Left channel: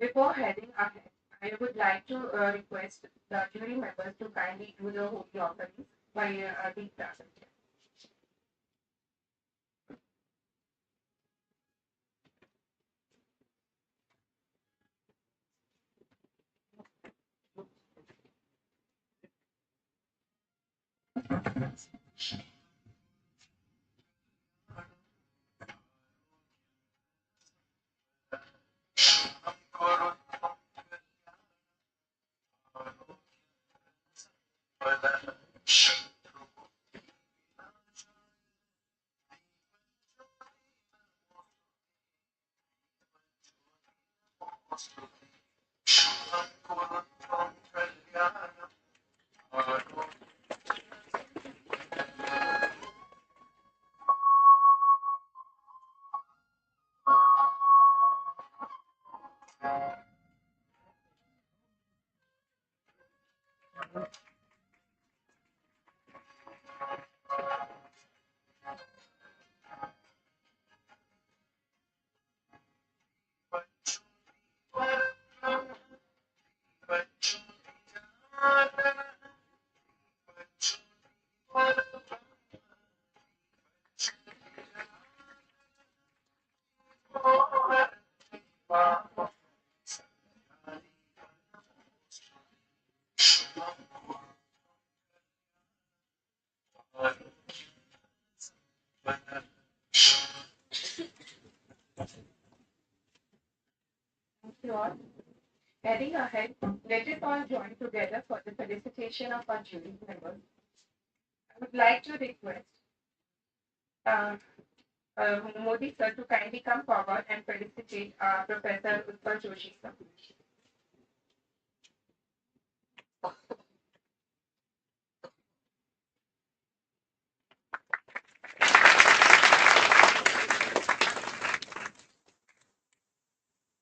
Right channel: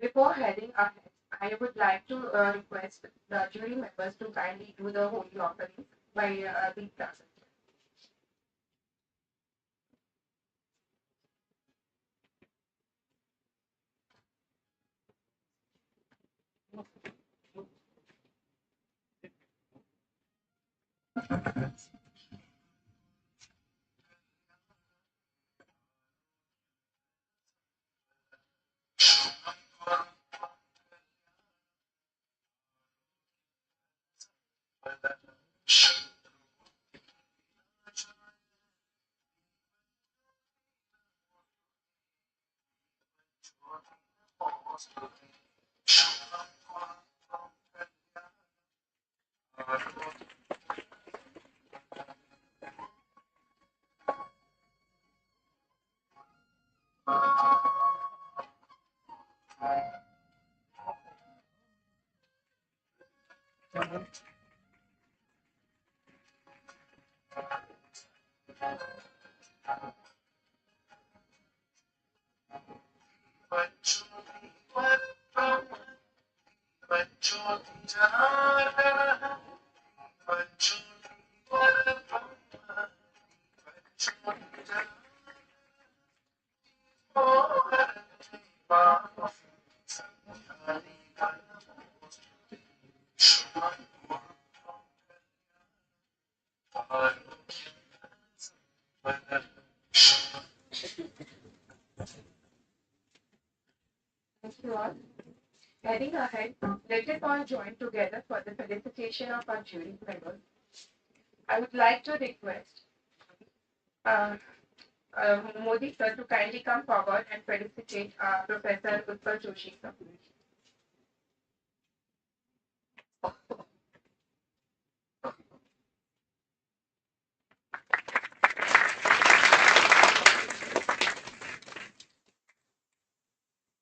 Before heading ahead, I would like to request the jury members to kindly do the holy offerings by the present. Thank you all. Heading ahead, let us all join together for the felicitation of our jury members. I would like to request uh, Modi sir to kindly come forward and felicitate Professor Utpal Joshi sir.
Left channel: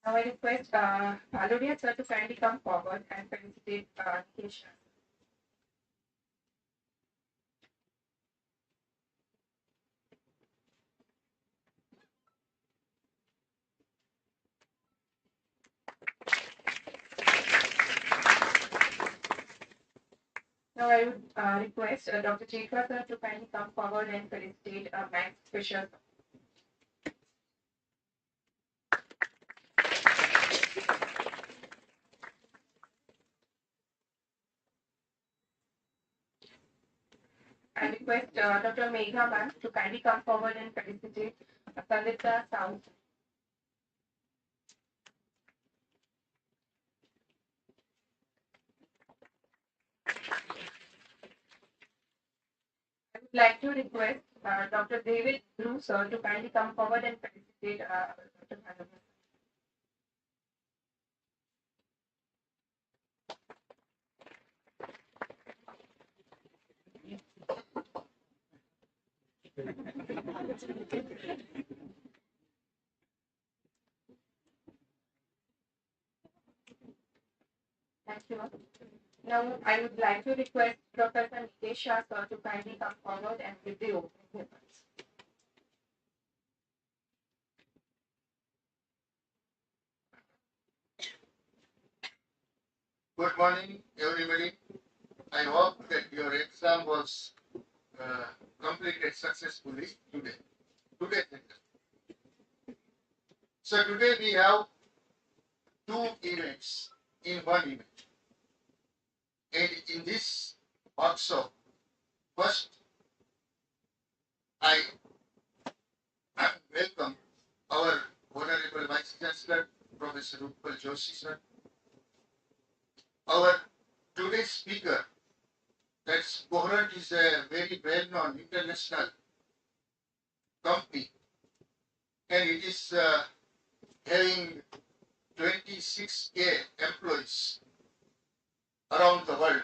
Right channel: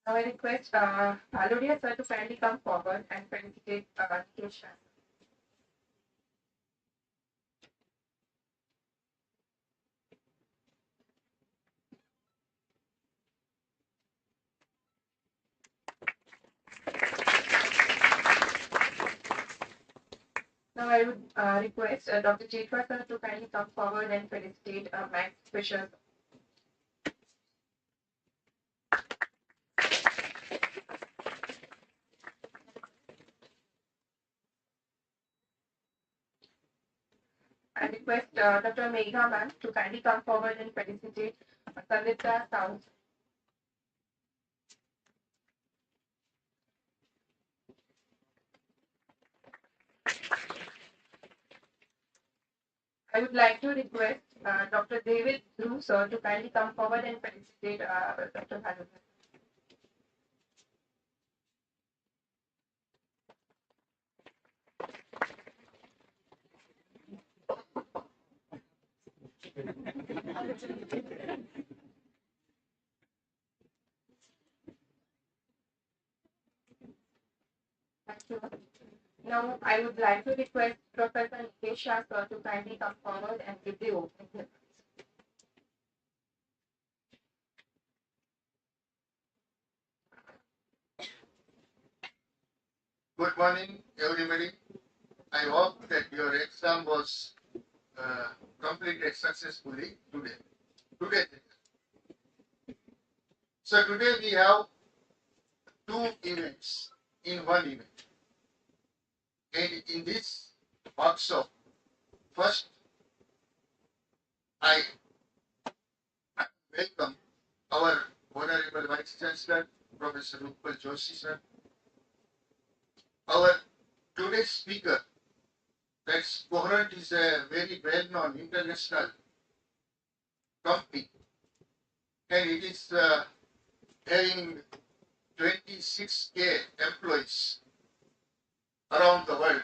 Now I request Valoria sir to kindly come forward and felicitate Kesha. Now I would request Dr. Jekwa sir to kindly come forward and felicitate Max Fisher. I request Dr. Megha ma'am to kindly come forward and felicitate Sangeeta Sound. I would like to request Dr. David Drew sir to kindly come forward and felicitate Dr. Valoria. Thank you. Now, I would like to request Professor Nikesha sir to kindly come forward and give the opening remarks. Good morning, everybody. I hope that your exam was completed successfully today. So today we have two events in one event. And in this workshop, first I welcome our Honorable Vice Chancellor, Professor Utpal Joshi sir. Our today's speaker, that's Coherent, is a very well-known international company, and it is having 26K employees around the world.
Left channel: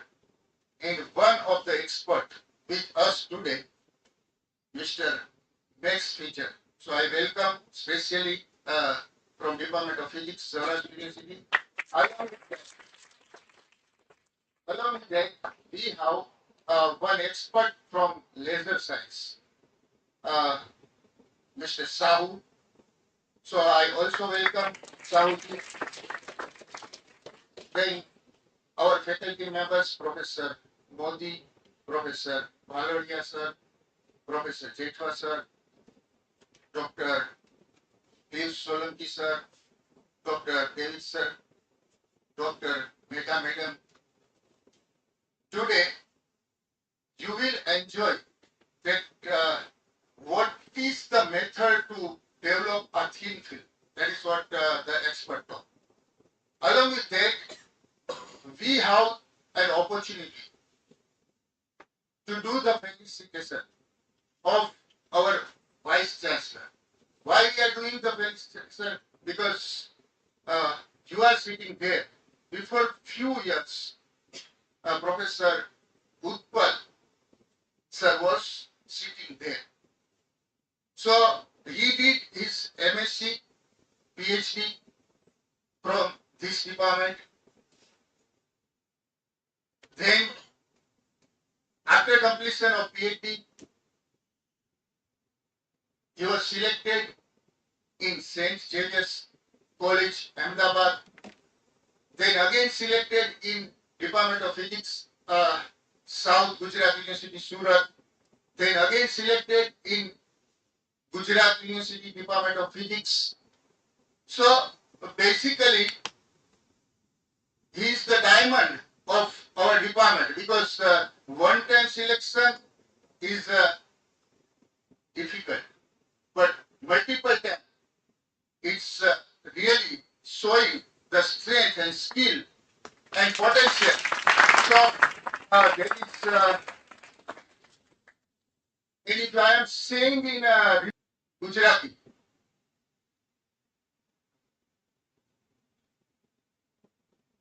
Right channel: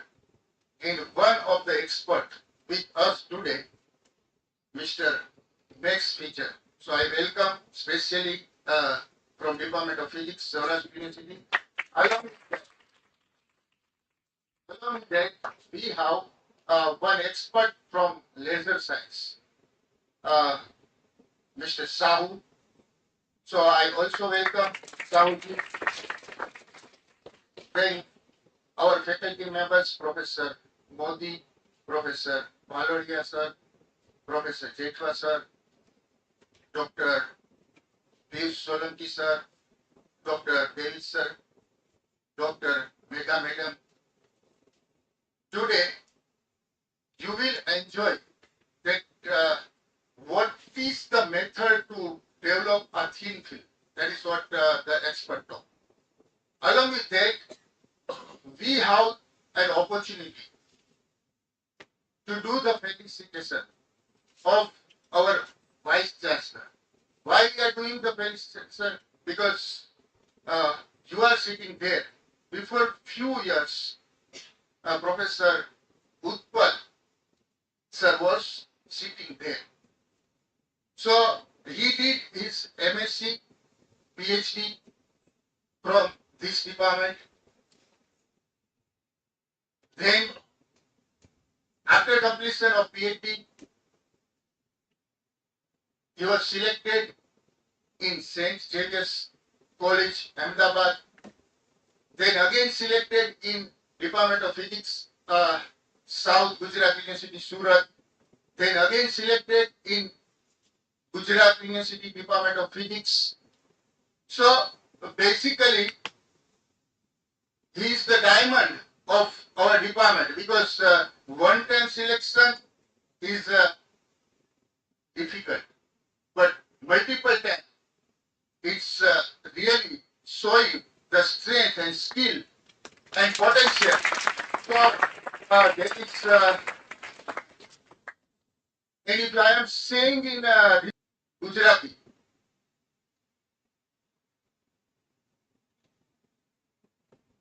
And one of the experts with us today, Mr. Max FISCHER. So I welcome specially from Department of Physics, Saurashtra University. Along with that, we have one expert from laser science, Mr. Sahu. So I also welcome Sahuji. then our faculty members, Professor Modi, Professor Malodia sir, Professor Jetwa sir, Dr. Piyush Solanki sir, Dr. Devi sir, Dr. Mega Madam. Today, you will enjoy that what is the method to develop a thin film. That is what the expert talk. Along with that, we have an opportunity to do the felicitation of our Vice Chancellor. Why we are doing the felicitation? Because you are sitting there. Before few years, Professor Utpal sir was sitting there. So he did his MSc, PhD from this department. Then, after completion of PhD, he was selected in St. Xavier's College, Ahmedabad. Then again selected in Department of Physics, South Gujarat University, Surat. Then again selected in Gujarat University Department of Physics. So basically, he is the diamond of our department because one-time selection is difficult, but multiple times it's really showing the strength and skill and potential. So that is, and if I am saying in Gujarati,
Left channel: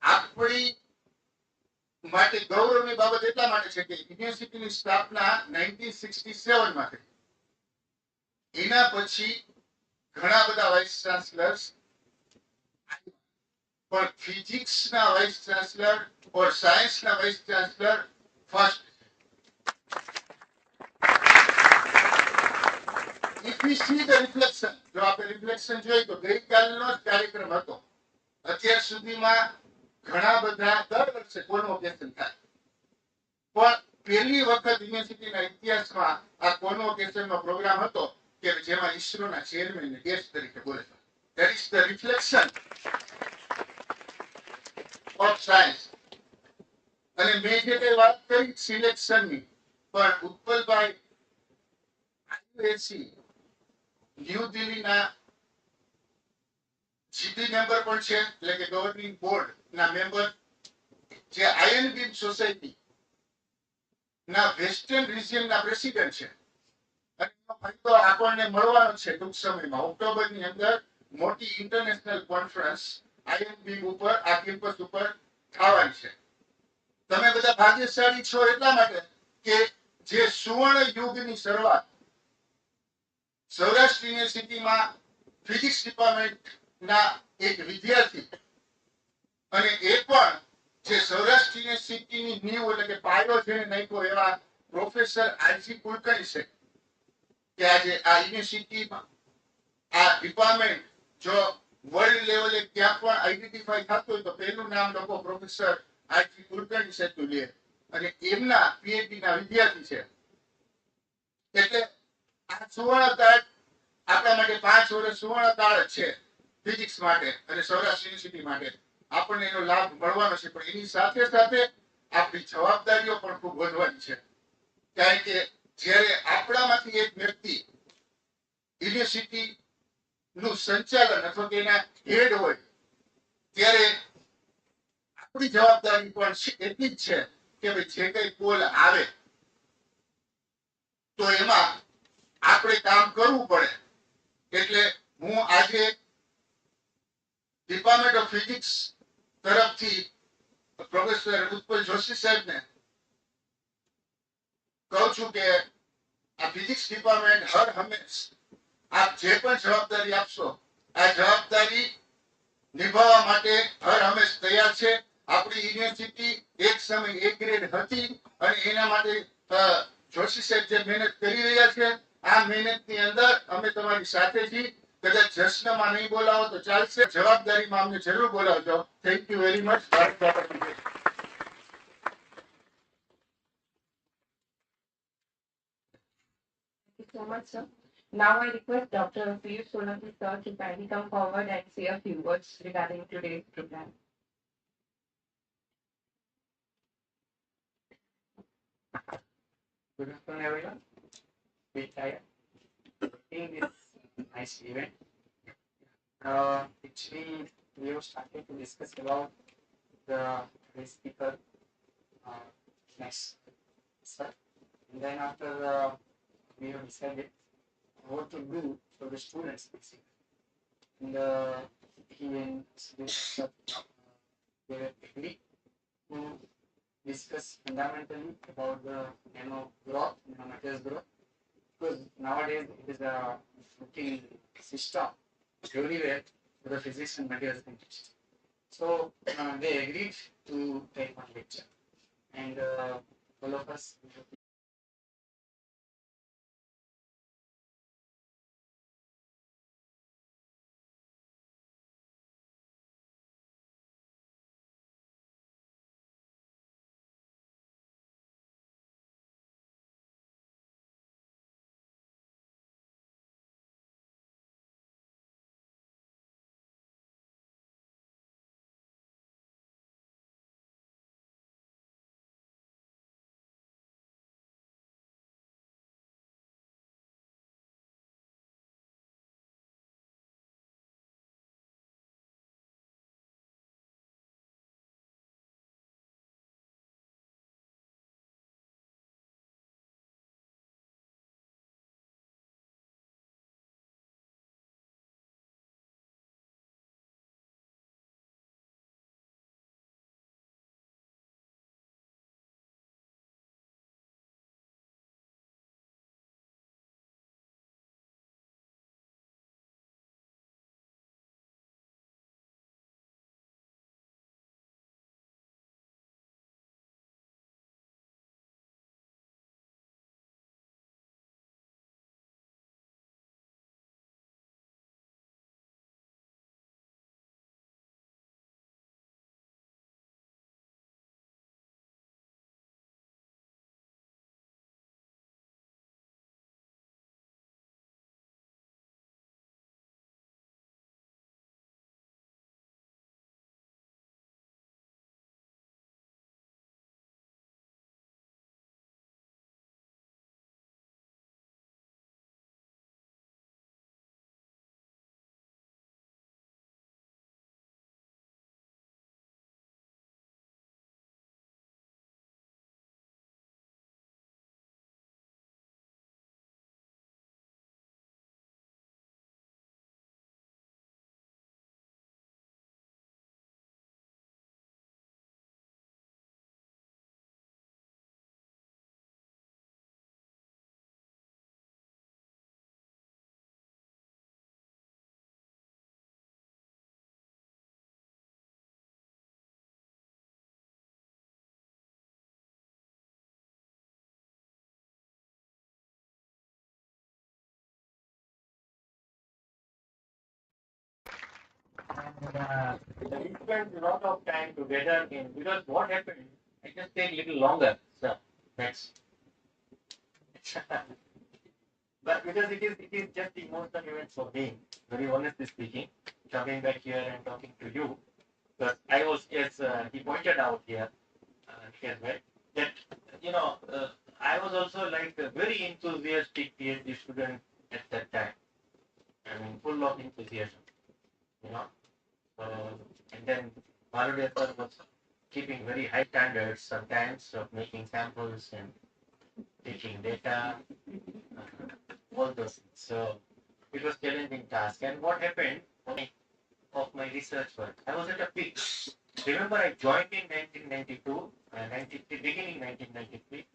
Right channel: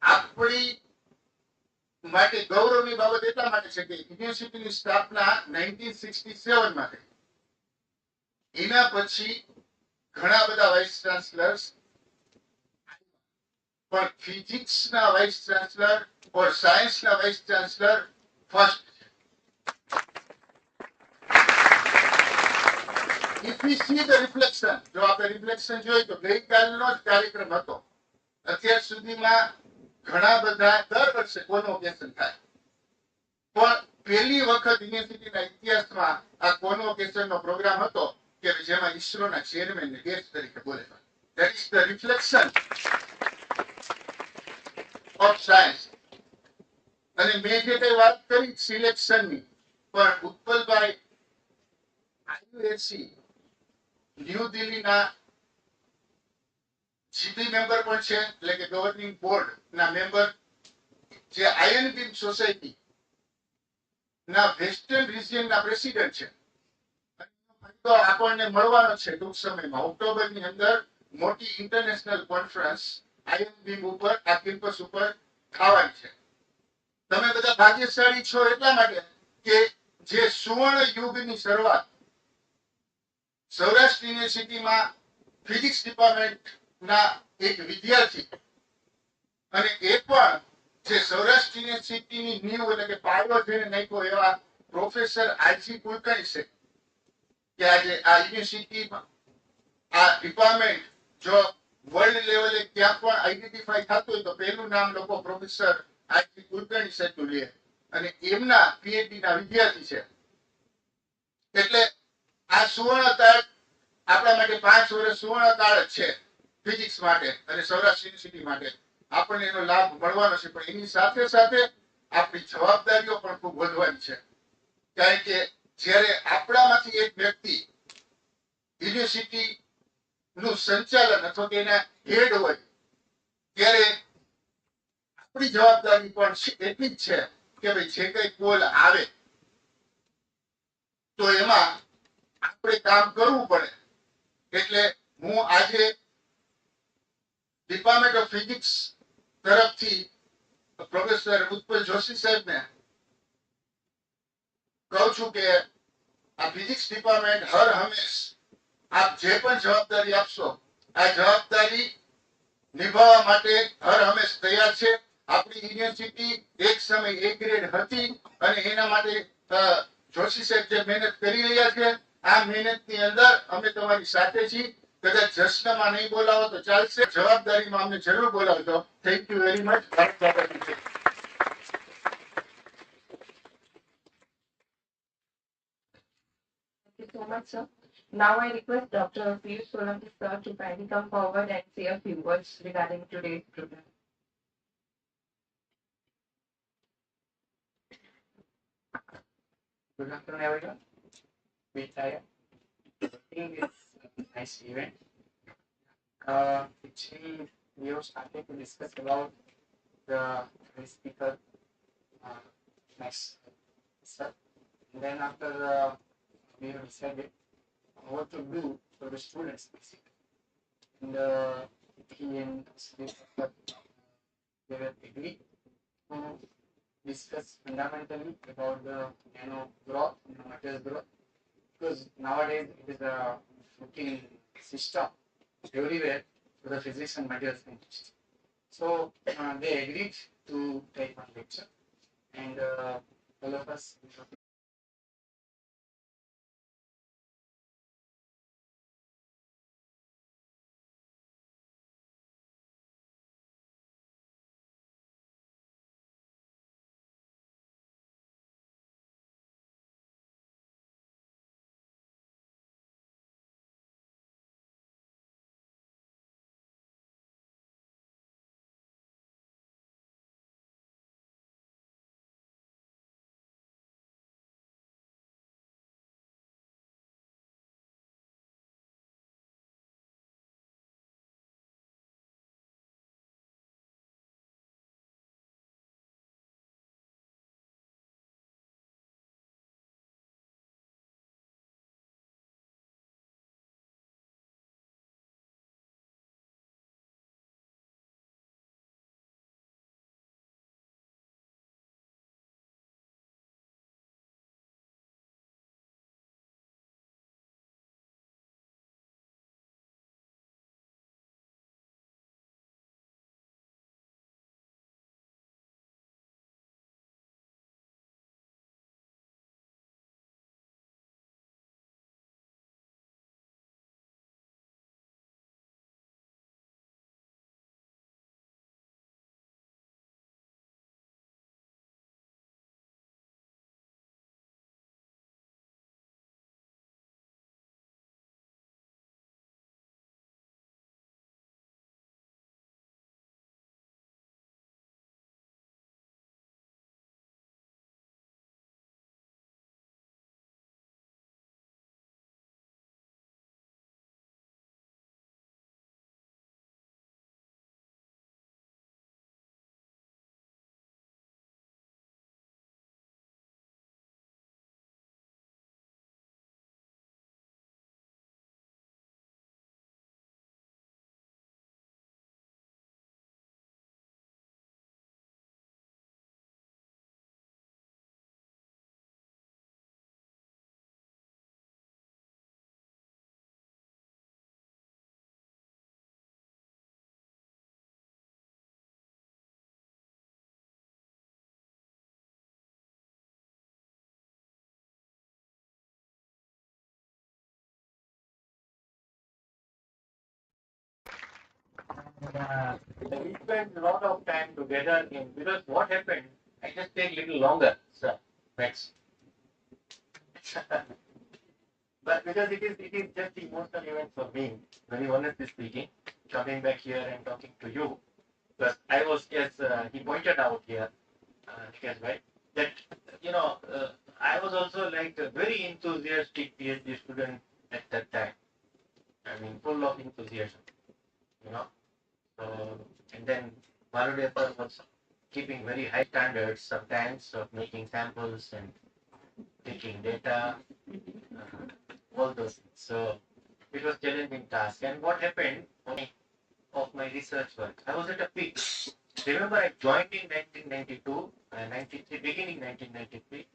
આપણી માટે ગૌરવની બાબત એટલા માટે છે કે યુનિવર્સિટીની સ્થાપના 1967 માં થઈ. એના પછી ઘણા બધા વાઇસ ચાન્સલર્સ, પણ ફિઝિક્સના વાઇસ ચાન્સલર ઓર સાયન્સના vice chancellor first. If we see the reflection, જો આપણે રિફ્લેક્શન જોઈ તો ગઈકાલનો જ કાર્યક્રમ હતો. અત્યાર સુધીમાં ઘણા બધા દર વર્ષે કોન્વોકેશન થાય, પણ પહેલી વખત યુનિવર્સિટીના ઇતિહાસમાં આ કોન્વોકેશનનો પ્રોગ્રામ હતો કે જેમાં ઈસરોના ચેરમેનને ગેસ્ટ તરીકે બોલાવ્યા. That is the reflection of science. અને મેં જે કઈ વાત કરી સિલેક્શનની, પણ ઉત્પલભાઈ IUAC ન્યૂ દિલ્હીના જીપી મેમ્બર પણ છે, એટલે કે ગવર્નિંગ બોર્ડ ના મેમ્બર, જે આયન બીમ સોસાયટી ના વેસ્ટર્ન રિજિયન ના પ્રેસિડેન્ટ છે. અને એનો ફાયદો આપણને મળવાનો છે ટૂંક સમયમાં. ઓક્ટોબરની અંદર મોટી ઇન્ટરનેશનલ કોન્ફરન્સ આયન બીમ ઉપર આ કેમ્પસ ઉપર થવાની છે. તમે બધા ભાગ્યશાળી છો એટલા માટે કે જે સુવર્ણ યુગની શરૂઆત સૌરાષ્ટ્ર યુનિવર્સિટીમાં ફિઝિક્સ ડિપાર્ટમેન્ટ ના એક વિદ્યાર્થી, અને એ પણ જે સૌરાષ્ટ્ર યુનિવર્સિટીની નીવ એટલે કે પાયો જેને નાખ્યો એવા પ્રોફેસર આરજી કુલકર્ણી છે, કે આજે આ યુનિવર્સિટીમાં આ ડિપાર્ટમેન્ટ જો વર્લ્ડ લેવલે ક્યાં પણ આઈડેન્ટિફાઈ થતું હોય તો પહેલું નામ લોકો પ્રોફેસર આરજી કુલકર્ણી સાહેબનું લે, અને એમના પીએચડી ના વિદ્યાર્થી છે. એટલે આ સુવર્ણકાળ આપણા માટે 5 વર્ષ સુવર્ણકાળ જ છે ફિઝિક્સ માટે અને સૌરાષ્ટ્ર યુનિવર્સિટી માટે. આપણને એનો લાભ મળવાનો છે, પણ એની સાથે સાથે આપણી જવાબદારીઓ પણ ખૂબ વધવાની છે. કારણ કે જ્યારે આપણામાંથી એક વ્યક્તિ યુનિવર્સિટી નું સંચાલન અથવા કે એના હેડ હોય, ત્યારે આપણી જવાબદારી પણ એટલી જ છે કે ભાઈ જે કઈ કોલ આવે તો એમાં આપણે કામ કરવું પડે. એટલે હું આજે ડિપાર્ટમેન્ટ ઓફ ફિઝિક્સ તરફથી પ્રોફેસર ઉત્પલ જોશી સાહેબને કહું છું કે આ ફિઝિક્સ ડિપાર્ટમેન્ટ હર હંમેશ આપ જે પણ જવાબદારી આપશો આ જવાબદારી નિભાવવા માટે હર હંમેશ તૈયાર છે. આપણી યુનિવર્સિટી એક સમય A ગ્રેડ હતી અને એના માટે જોશી સાહેબ જે મહેનત કરી રહ્યા છે, આ મહેનતની અંદર અમે તમારી સાથે છીએ. કદાચ જશ્નમાં નહીં બોલાવો તો ચાલશે, જવાબદારીમાં અમને જરૂર બોલાવજો. Thank you very much. Bharat Mata કી જય. Thank you so much, sir. Now I request Dr. Felicitation sir to kindly come forward and say a few words regarding today's program. Good afternoon, everyone. We are doing this nice event, which we have started to discuss about the speaker next, sir. And then after we have decided what to do for the students, basically. And he and sir, they were agreed to discuss fundamentally about the growth, materials growth, because nowadays it is a routine system everywhere for the physics and materials chemistry. So they agreed to take one lecture, and all of us. We spent a lot of time together because what happened, I just take little longer, sir. Next. But because it is just emotional event for me, very honestly speaking, coming back here and talking to you. But I was, as he pointed out here, as well, that I was also like a very enthusiastic PhD student at that time. I mean, full of enthusiasm, you know. And then Marudia sir was keeping very high standards sometimes of making samples and taking data, all those things. So it was challenging task. And what happened of my research work, I was at a peak. Remember, I joined in 1992, 93, beginning 1993,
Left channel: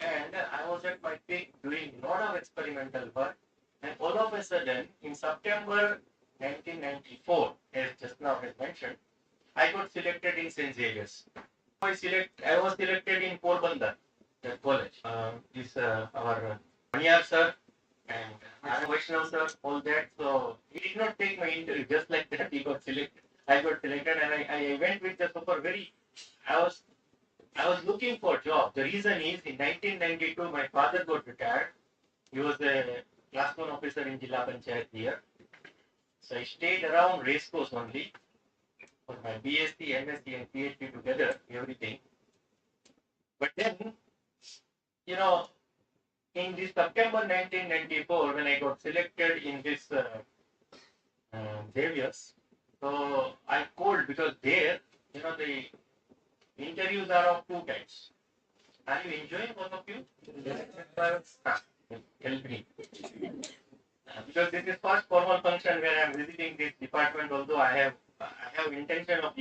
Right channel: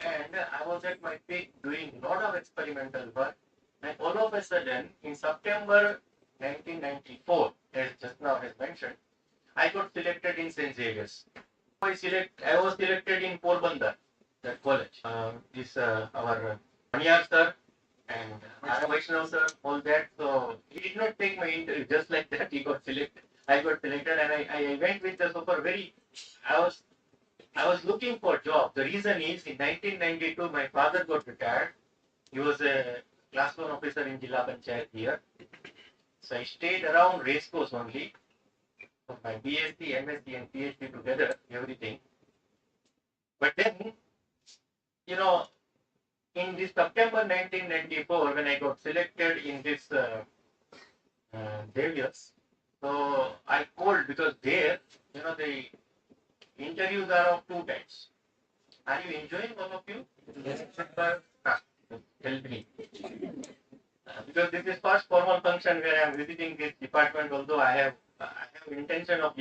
and I was at my peak doing a lot of experimental work. And all of a sudden, in September 1994, as just now has mentioned, I got selected in St. Xavier's. I was selected in Porbandar, that college. Our Manyar sir and I am Vaishnav sir, all that. So he did not take my interview just like that. He got selected. I got selected, and I went with the super very. I was I was looking for a job. The reason is in 1992 my father got retired. He was a class 1 officer in Jilla Panchayat here. So I stayed around racecourse only for my BSc, MSc, and PhD together, everything. But then, you know, in this September 1994, when I got selected in this Devious, so I called because there, the interviews are of two types. Are you enjoying, all of you? Yes. Help me. Because this is first formal function where I am visiting this department, although I have intention of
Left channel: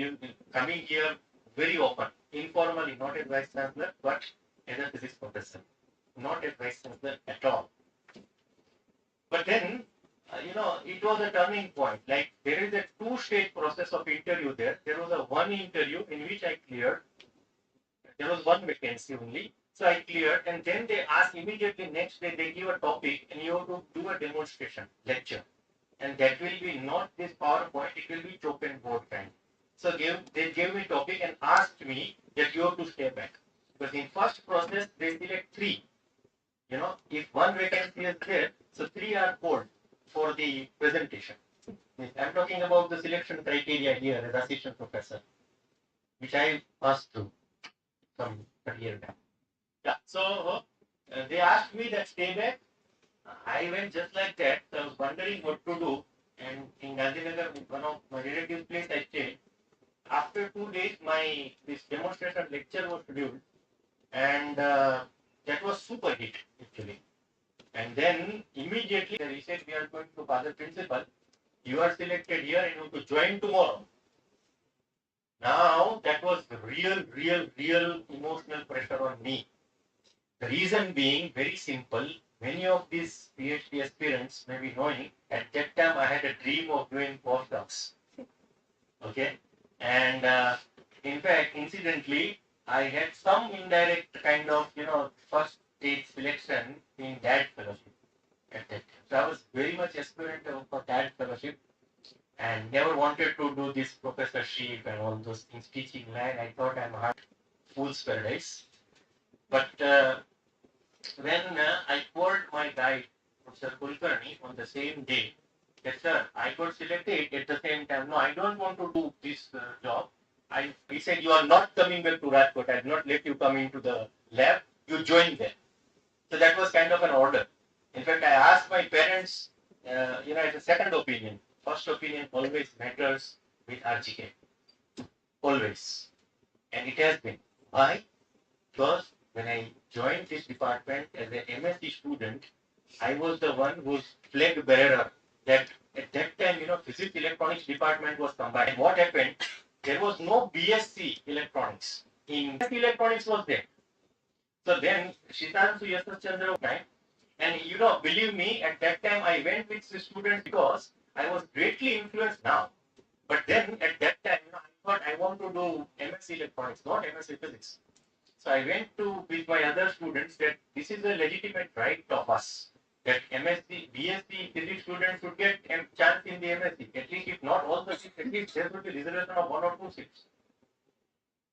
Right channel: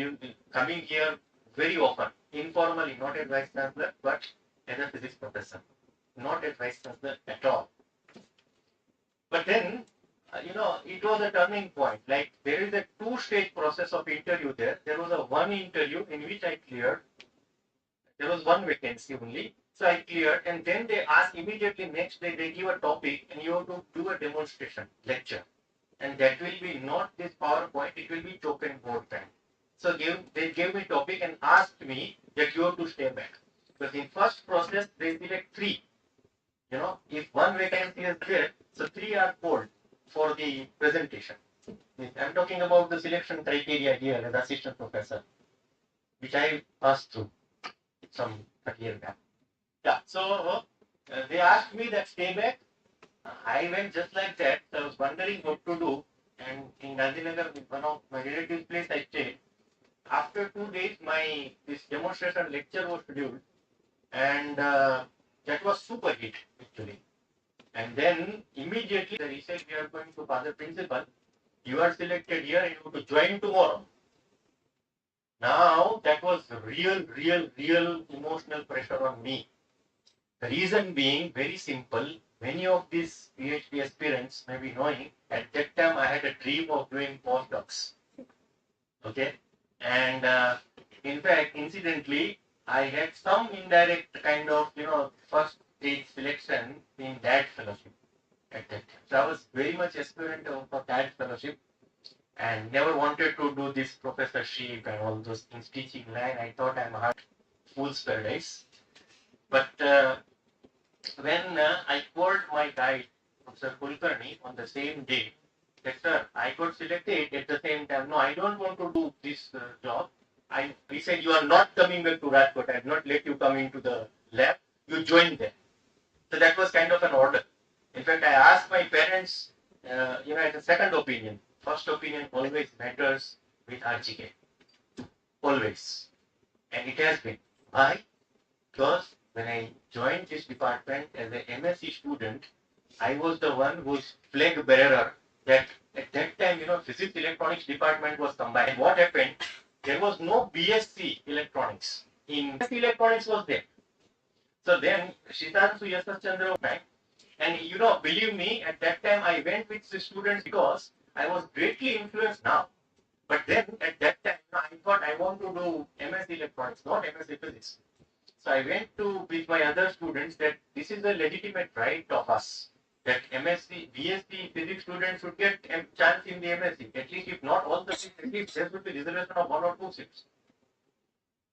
coming here very often, informally, not as Vice Chancellor, but as a physics professor, not as Vice Chancellor at all. But then, it was a turning point. Like there is a two-stage process of interview there. There was a one interview in which I cleared. There was one vacancy only. So I cleared, and then they asked immediately next day, they give a topic and you have to do a demonstration, lecture. And that will be not this PowerPoint, it will be token board kind. So they gave me topic and asked me that you have to stay back. Because in first process, they select three. If one vacancy is there, so three are called for the presentation. I'm talking about the selection criteria here as assistant professor, which I passed through some 30 years back. Yeah, so they asked me that stay back. I went just like that. So I was wondering what to do. And in Gandhinagar, one of my relatives' place, I stayed. After 2 days, this demonstration lecture was scheduled, and that was super hit actually. And then immediately they said, we are going to Father Principal. You are selected here and you have to join tomorrow. Now that was real emotional pressure on me. The reason being very simple. Many of these PhD aspirants may be knowing, at that time I had a dream of doing postdocs. Okay? And in fact, incidentally, I had some indirect kind of, first stage selection in that fellowship at that time. So I was very much aspirant for that fellowship and never wanted to do this professorship and all those things, teaching line. I thought I'm a fool's paradise. But when I called my guide, Professor Kulkarni, on the same day, that sir, I got selected at the same time. No, I don't want to do this job. He said, you are not coming back to Rajkot. I did not let you come into the lab. You join there. So that was kind of an order. In fact, I asked my parents, as a second opinion. First opinion always matters with RGK. Always. And it has been. Why? Because when I joined this department as an MSc student, I was the one whose flag bearer that at that time, physics electronics department was combined. And what happened? There was no BSc electronics. In BSc electronics was there. So then, Shitansu Yasachandra was back. And believe me, at that time I went with the students because I was greatly influenced now. But then at that time, I thought I want to do MSc electronics, not MSc physics. So I went to with my other students that this is a legitimate right of us. That MSc, BSc physics students should get a chance in the MSc. At least if not all the seats, at least there would be reservation of 1 or 2 seats.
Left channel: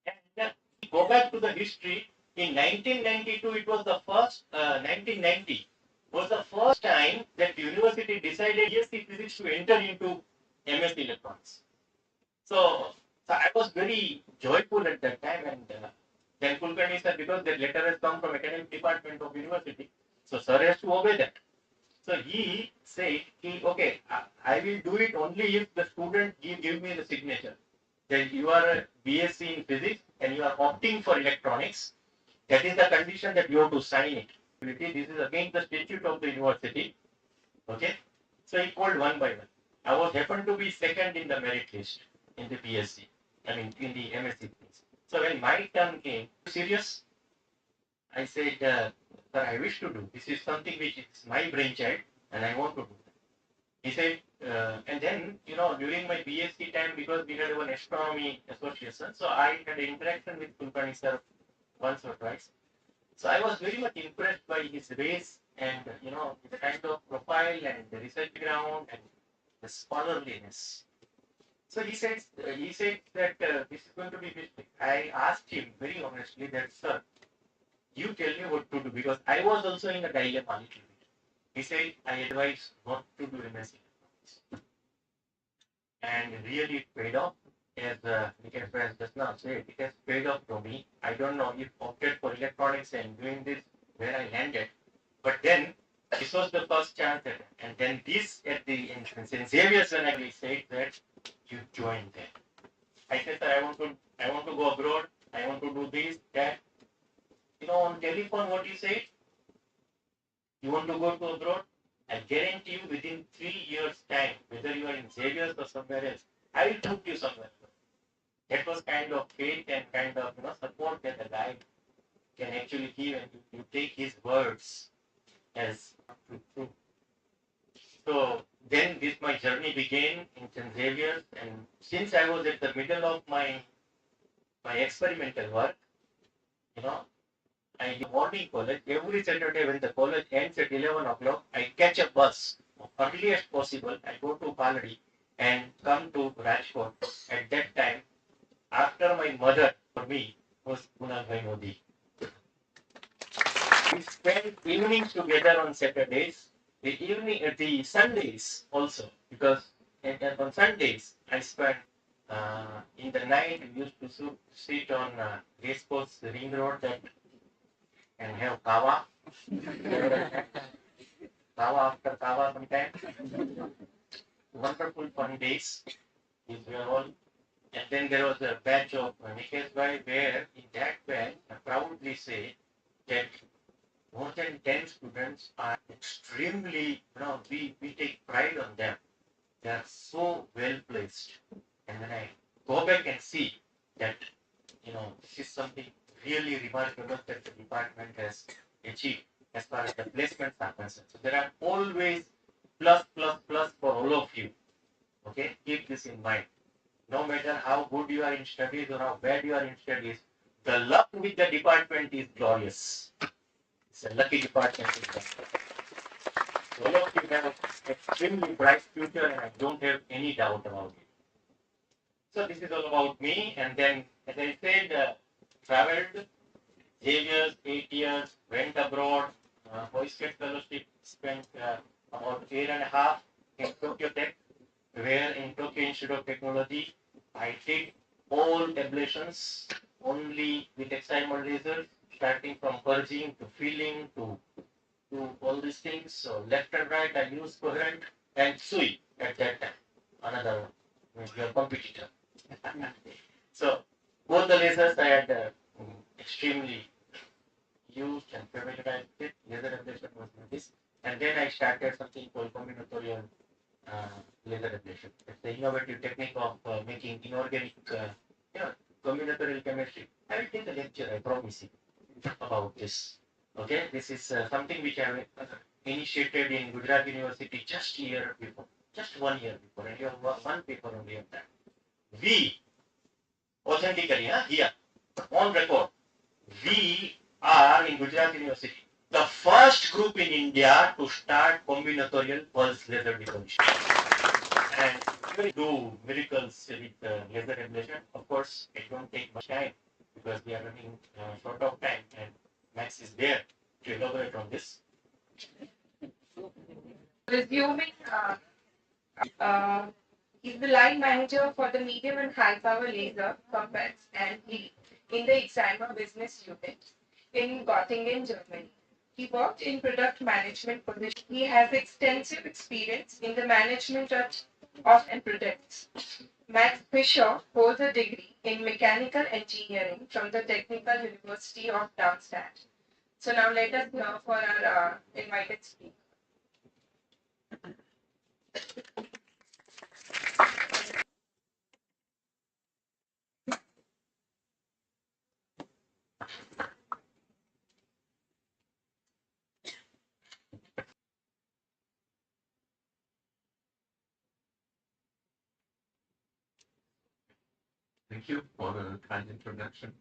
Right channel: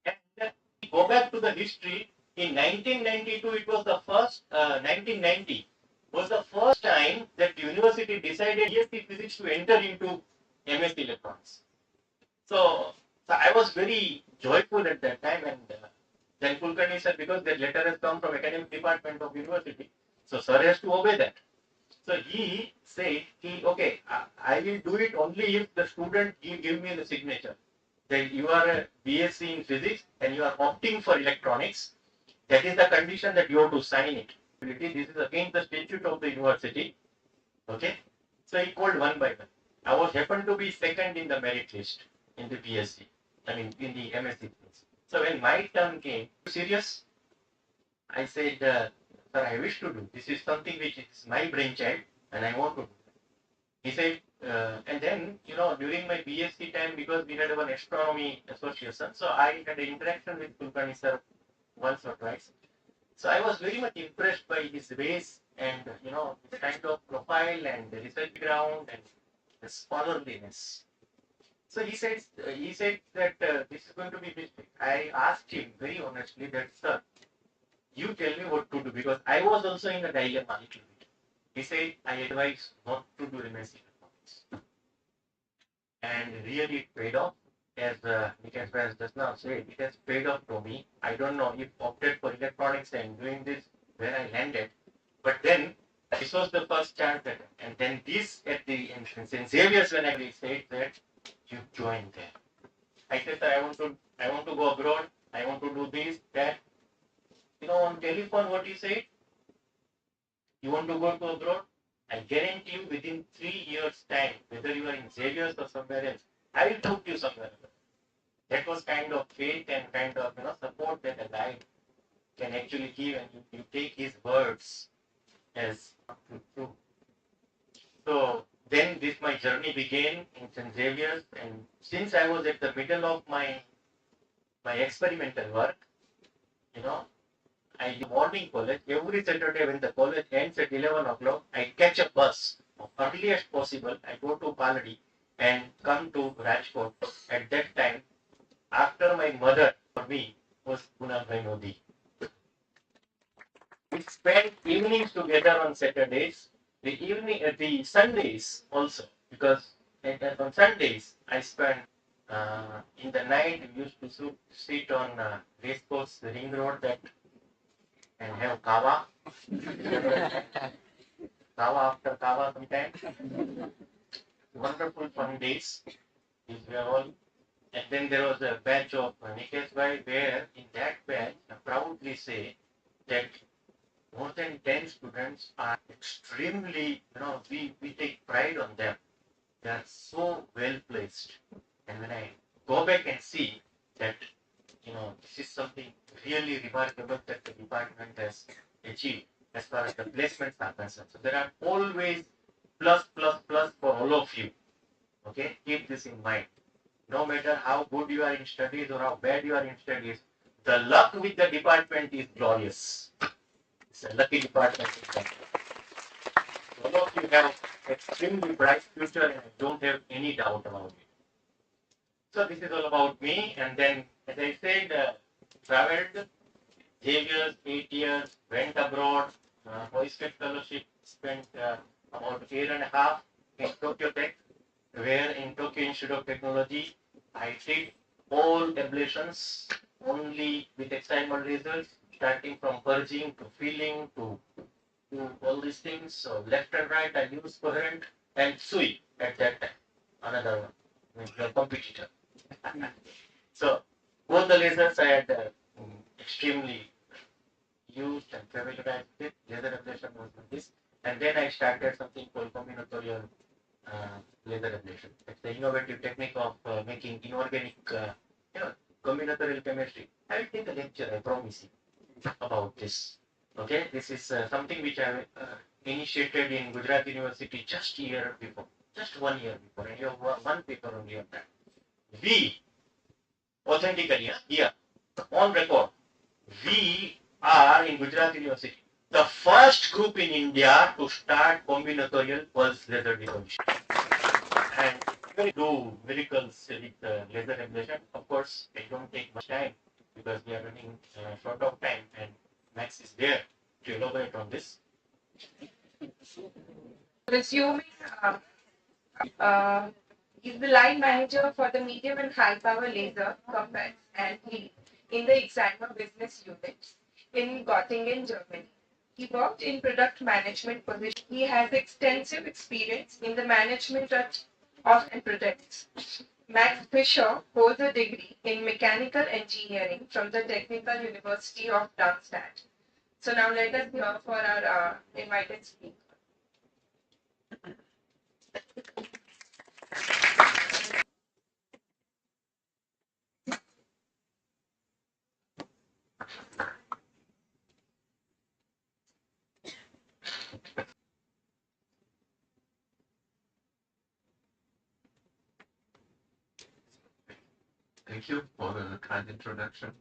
And go back to the history. In 1992, it was the first, 1990 was the first time that the university decided BSc physics to enter into MSc electronics. So I was very joyful at that time, and then Kulkarni said, because that letter has come from academic department of university, so sir has to obey that. So he said, okay, I will do it only if the student give me the signature that you are a BSc in physics and you are opting for electronics. That is the condition that you have to sign it. This is against the statute of the university. Okay, so he called one by one. I was happened to be second in the merit list in the BSc, I mean in the MSc. So when my turn came, serious? I said, sir, I wish to do. This is something which is my brainchild and I want to do. He said, and then, during my BSc time, because we had one astronomy association, so I had an interaction with Kulkarni sir once or twice. So I was very much impressed by his ways and the kind of profile and the research ground and the scholarliness. So he said that this is going to be mistake. I asked him very honestly that, sir, you tell me what to do, because I was also in a dilemma a little bit. He said, I advise not to do MSc electronics. And really it paid off. As Nikhil has just now said, it has paid off to me. I don't know if opted for electronics and doing this where I landed, but then this was the first chance that, and then this at the entrance in Xavier's when I said that you join there. I said that I want to go abroad, I want to do this, that. On telephone what you said, you want to go to abroad, I guarantee you within 3 years time, whether you are in Xavier's or somewhere else, I will talk to you somewhere else. That was kind of faith and kind of support that a guy can actually give, and you take his words as true. So then my journey began in St. Xavier's, and since I was at the middle of my experimental work, I do morning college. Every Saturday when the college ends at 11 o'clock, I catch a bus early as possible. I go to Paladi and come to Rajkot. At that time, after my mother, for me, was Punabhai Nodi. We spent evenings together on Saturdays, the Sundays also, because on Sundays I spent in the night. We used to sit on Racecourse Ring Road and have kava. Kava after kava sometimes. Wonderful fun days. These were all. And then there was a batch of Nikesh Bhai, where in that batch I proudly say that more than 10 students are extremely, we take pride on them. They are so well placed. And when I go back and see that, this is something really remarkable that the department has achieved as far as the placements are concerned. So there are always plus for all of you. Okay, keep this in mind. No matter how good you are in studies or how bad you are in studies, the luck with the department is glorious. It's a lucky department. All of you have extremely bright future, and I don't have any doubt about it. So this is all about me, and then, as I said, traveled Xavier's 8 years, went abroad, hoisted fellowship, spent about 1.5 years in Tokyo Tech, where in Tokyo Institute of Technology, I did all ablations only with Excimer lasers, starting from purging to filling to all these things. So left and right, I used coherent and Sui at that time, another your competitor. So both the lasers I had extremely used and familiarized with. Laser ablation was this, and then I started something called combinatorial laser ablation. It's the innovative technique of making inorganic, combinatorial chemistry. I will take a lecture, I promise you, about this. Okay, this is something which I initiated in Gujarat University just 1 year before, just 1 year before, and you have one paper only on that. We, authentically, here, on record, we are in Gujarat University the first group in India to start combinatorial pulse laser deposition. And we do miracles with laser ablation. Of course, it don't take much time because we are running short of time, and Max is there to elaborate on this. Resuming, he's the line manager for the medium and high power laser combat and lead in the Excimer business unit in Göttingen, Germany. He worked in product management position. He has extensive experience in the management of and products. Max FISCHER holds a degree in mechanical engineering from the Technical University of Darmstadt. So now let us hear for our invited speaker. Thank you for the kind introduction.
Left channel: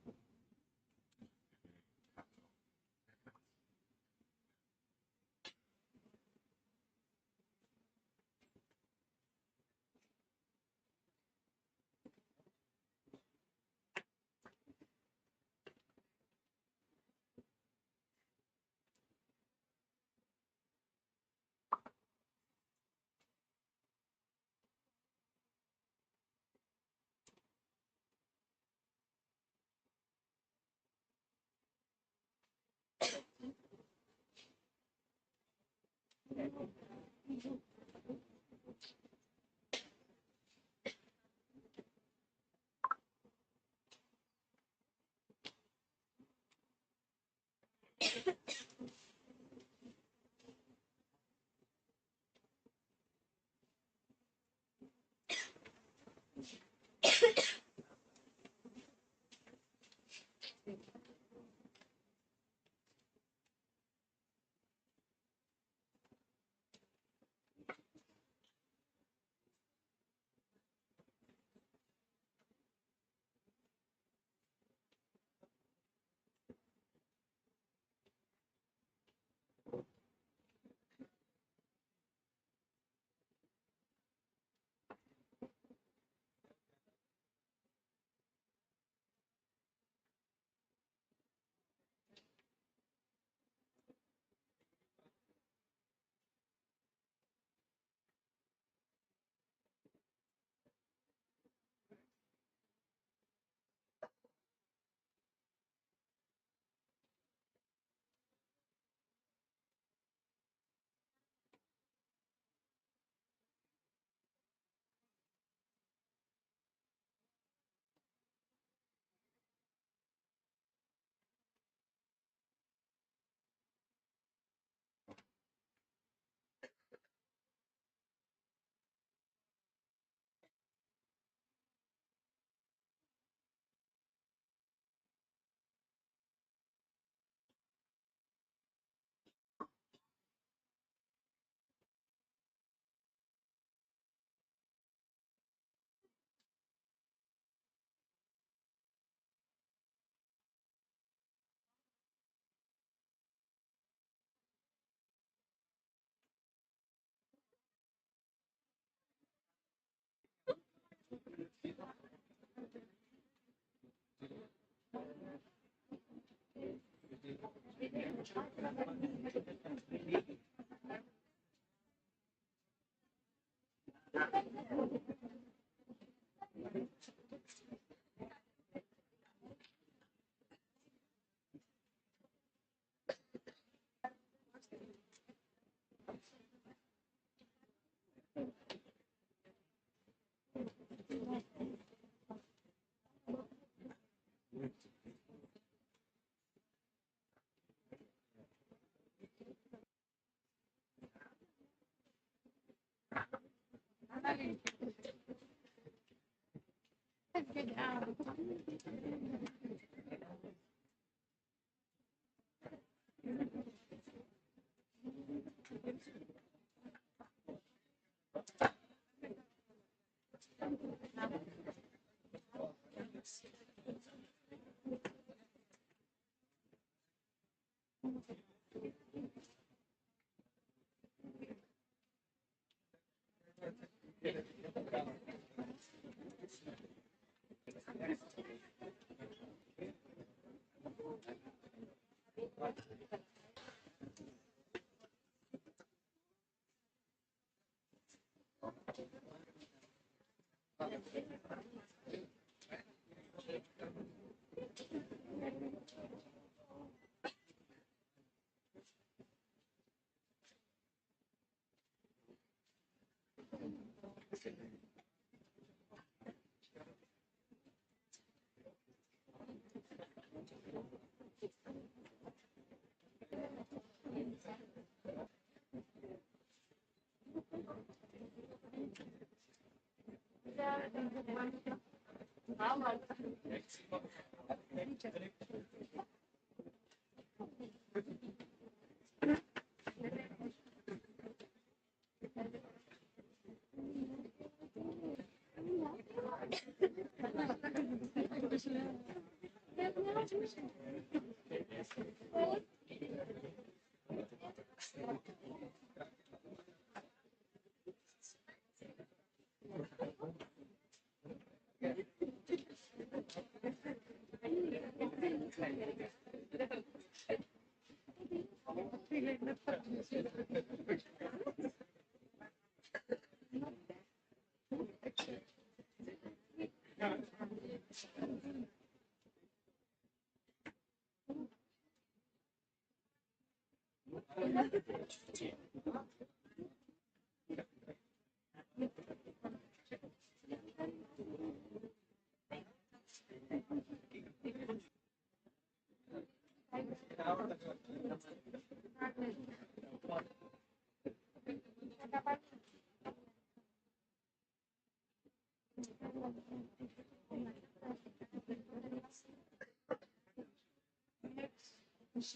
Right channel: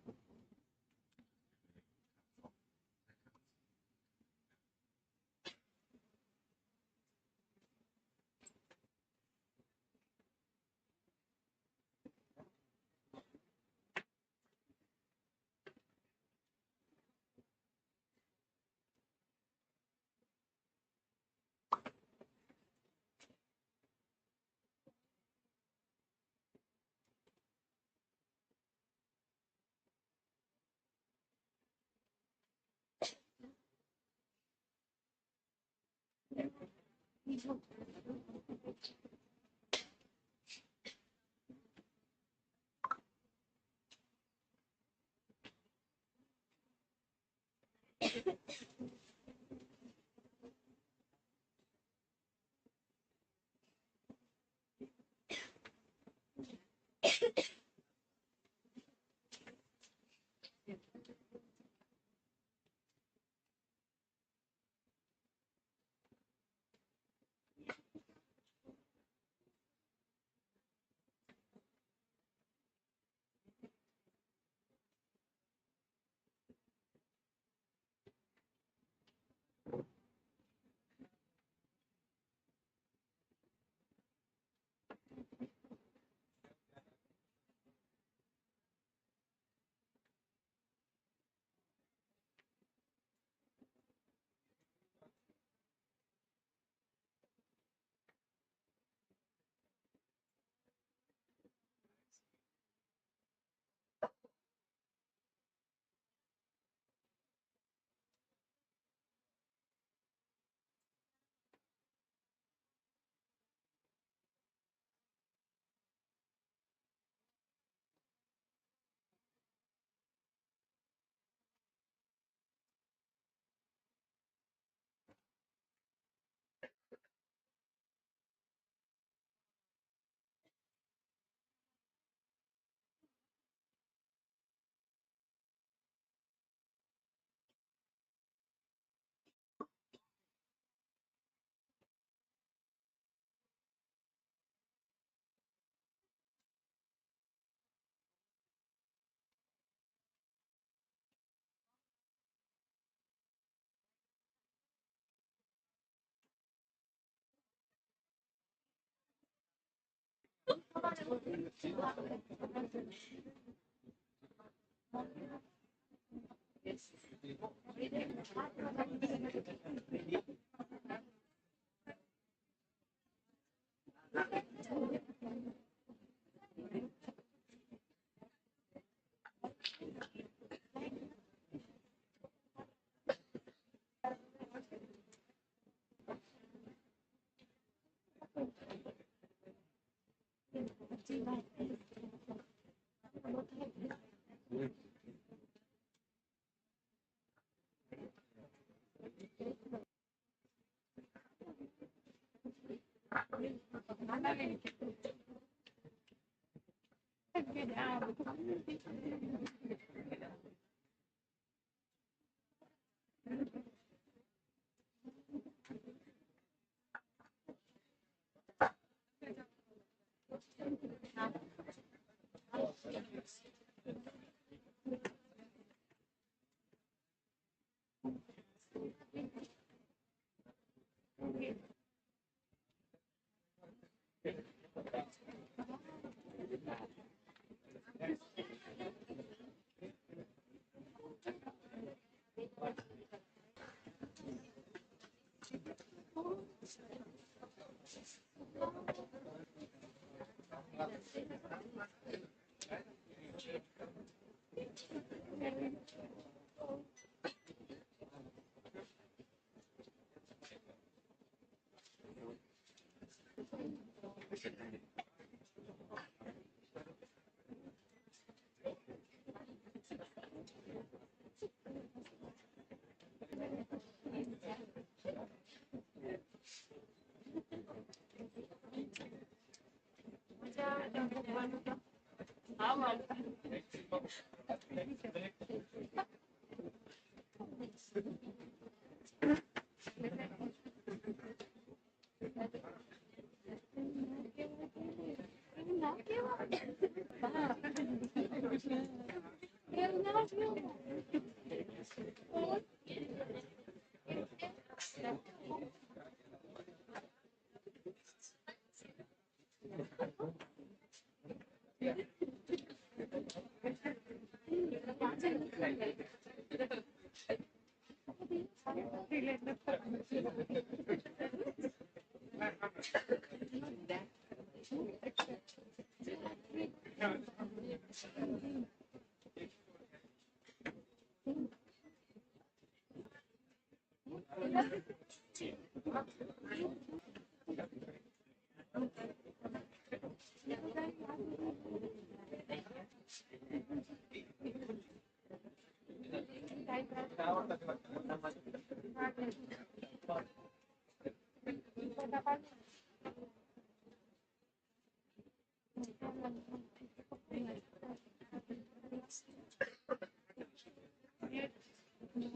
Good.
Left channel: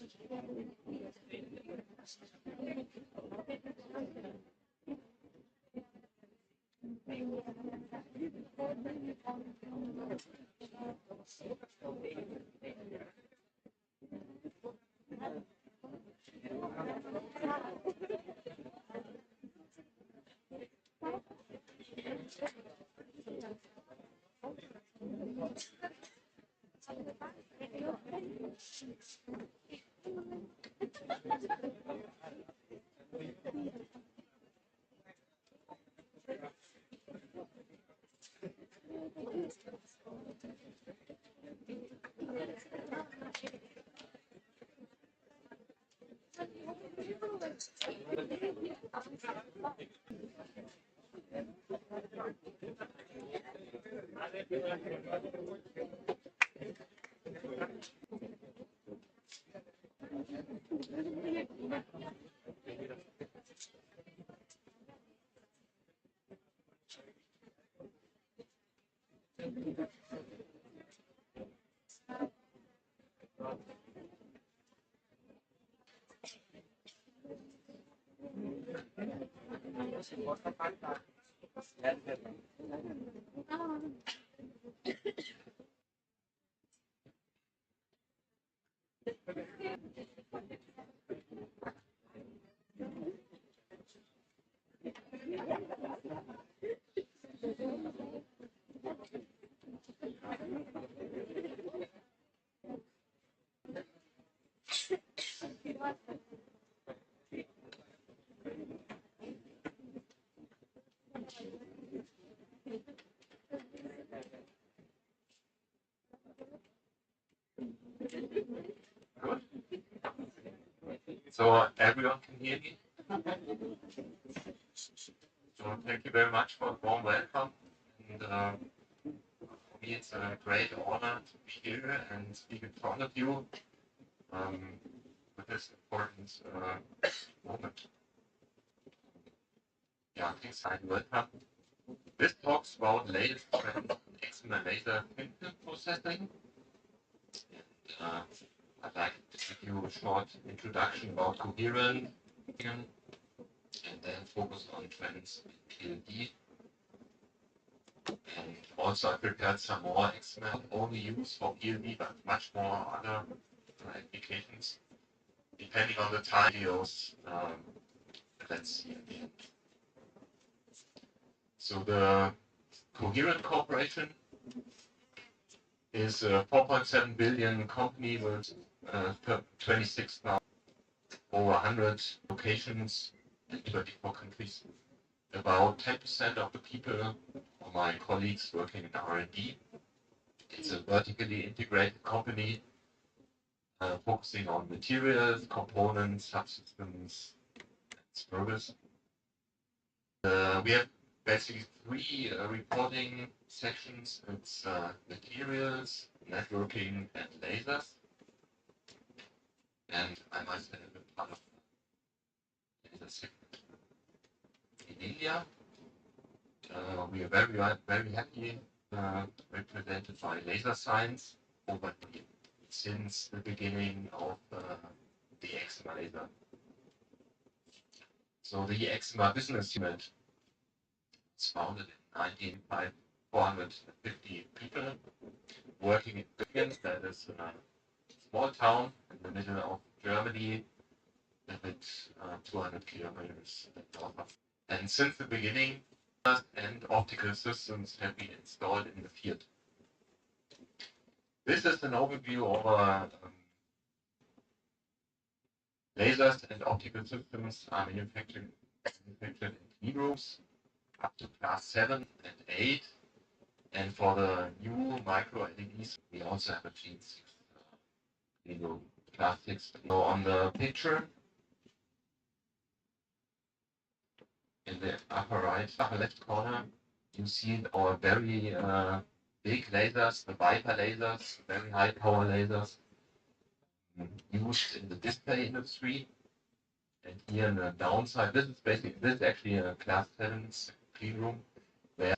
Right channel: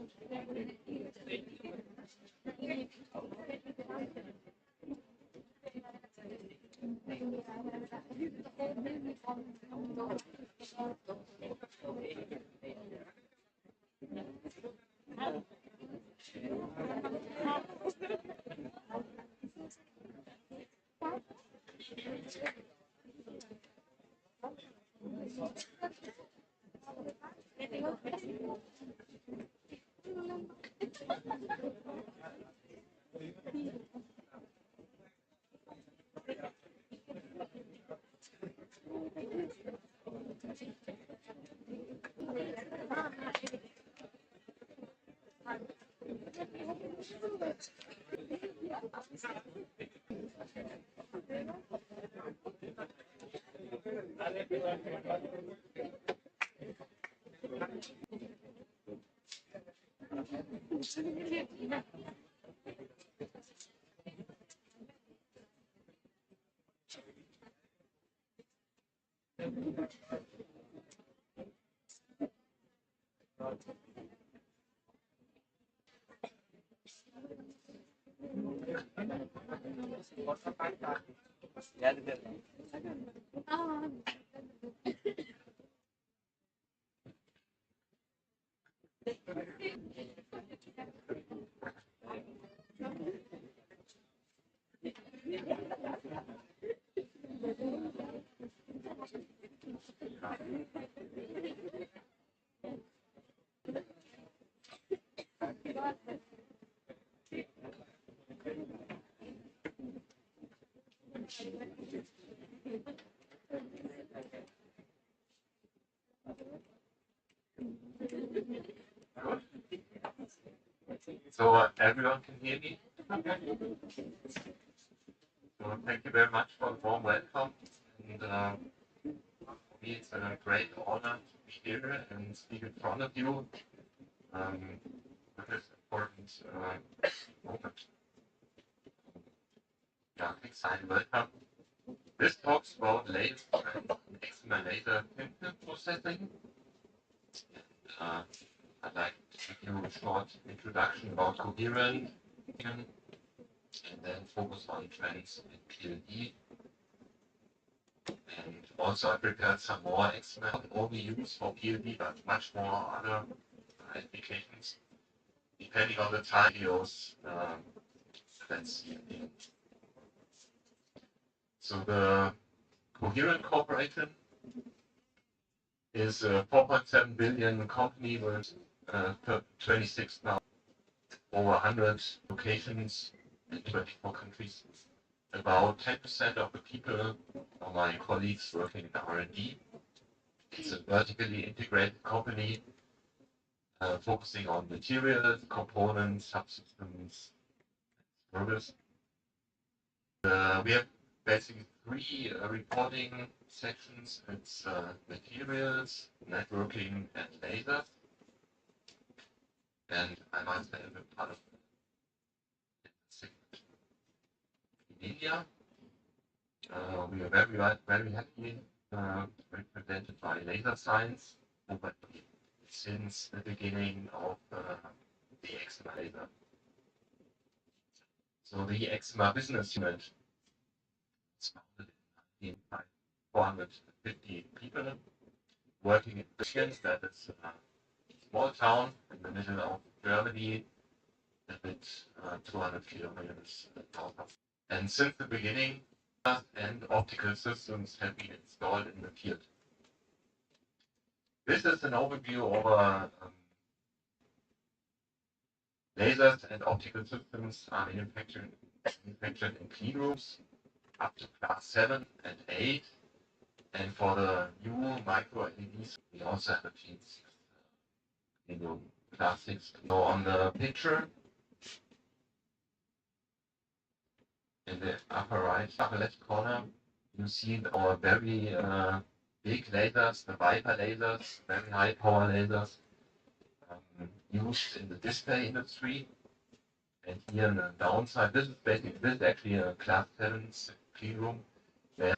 So everyone can hear me? So thank you very much for the warm welcome. And for me, it's a great honor to be here and speak in front of you with this important moment. Yeah, excited welcome. This talks about latest trends in Excimer laser film processing. And I'd like to give you a short introduction about coherent and then focus on trends in PLD. And also I prepared some more Excimer, not only used for PLD, but much more other applications, depending on the time videos. Let's see at the end. So the Coherent Corporation is a 4.7 billion company with 26 now, over 100 locations in 24 countries. About 10% of the people are my colleagues working in R&D. It's a vertically integrated company focusing on materials, components, subsystems, and service. We have basically three reporting sections. It's materials, networking, and lasers. And I myself am part of the segment in India. We are very happy represented by laser science over since the beginning of the Excimer laser. So the Excimer business unit was founded in 1995, 450 people working in Michigan, that is a small town in the middle of Germany, a bit 200 kilometers north of. And since the beginning, and optical systems have been installed in the field. This is an overview of lasers and optical systems are manufactured in clean rooms up to class 7 and 8. And for the new micro LEDs, we also have a clean room class 6. So on the picture, in the upper left corner, you see our very big lasers, the Viper lasers, very high power lasers, used in the display industry. And here on the downside, this is actually a class 7 clean room. Where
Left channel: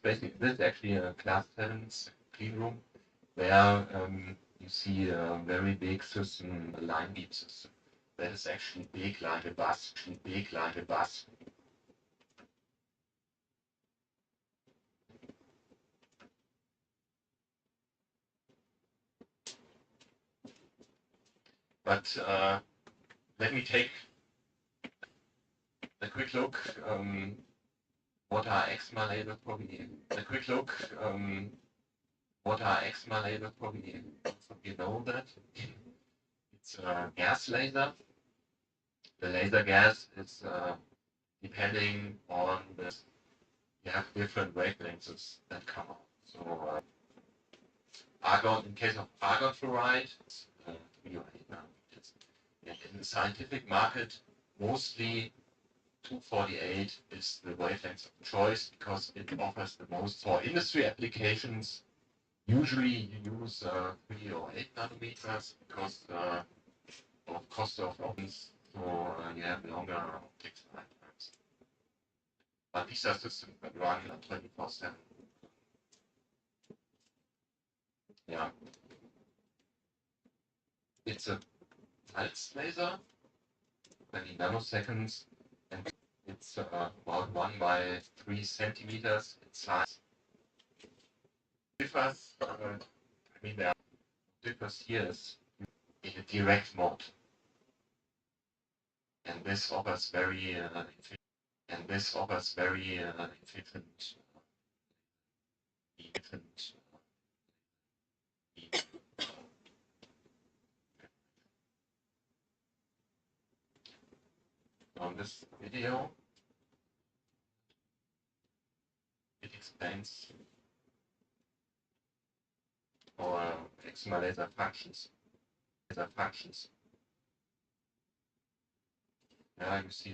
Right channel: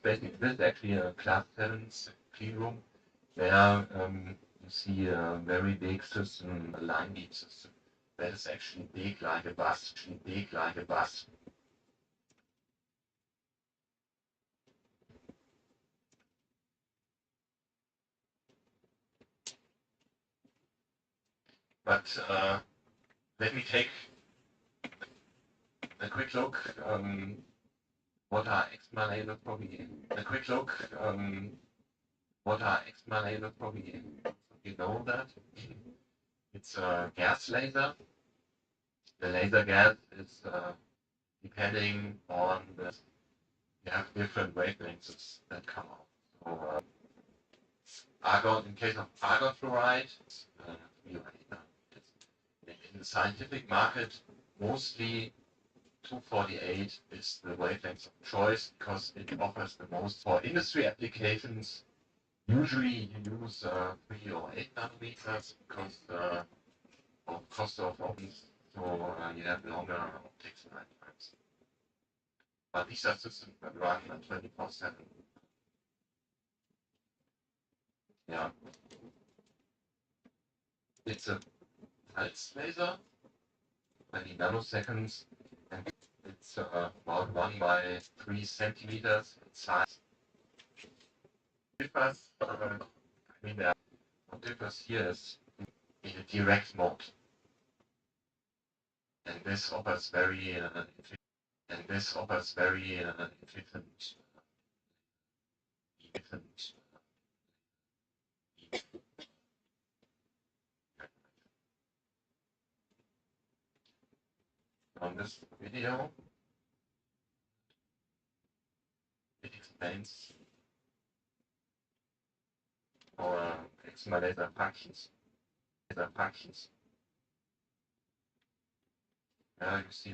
you You see a very big system, a line beam system. That is actually big like a bus, big like a bus. But let me take a quick look. What are Excimer laser probably? A quick look. What are Excimer laser probably? You know that it's a gas laser. The laser gas is depending on the. You have different wavelengths that come out. So argon, in case of argon fluoride, in the scientific market, mostly 248 is the wavelength of choice because it offers the most for industry applications. Usually you use 3 or 8 nanometers because of cost of options, so you have longer optics lifetimes. But these are systems that run 24/7. Yeah. It's a pulse laser, 20 nanoseconds, and it's about 1 by 3 centimeters in size. Differs, what differs here is in a direct mode, and this offers very efficient. On this video, it explains our Excimer laser functions. Yeah, you see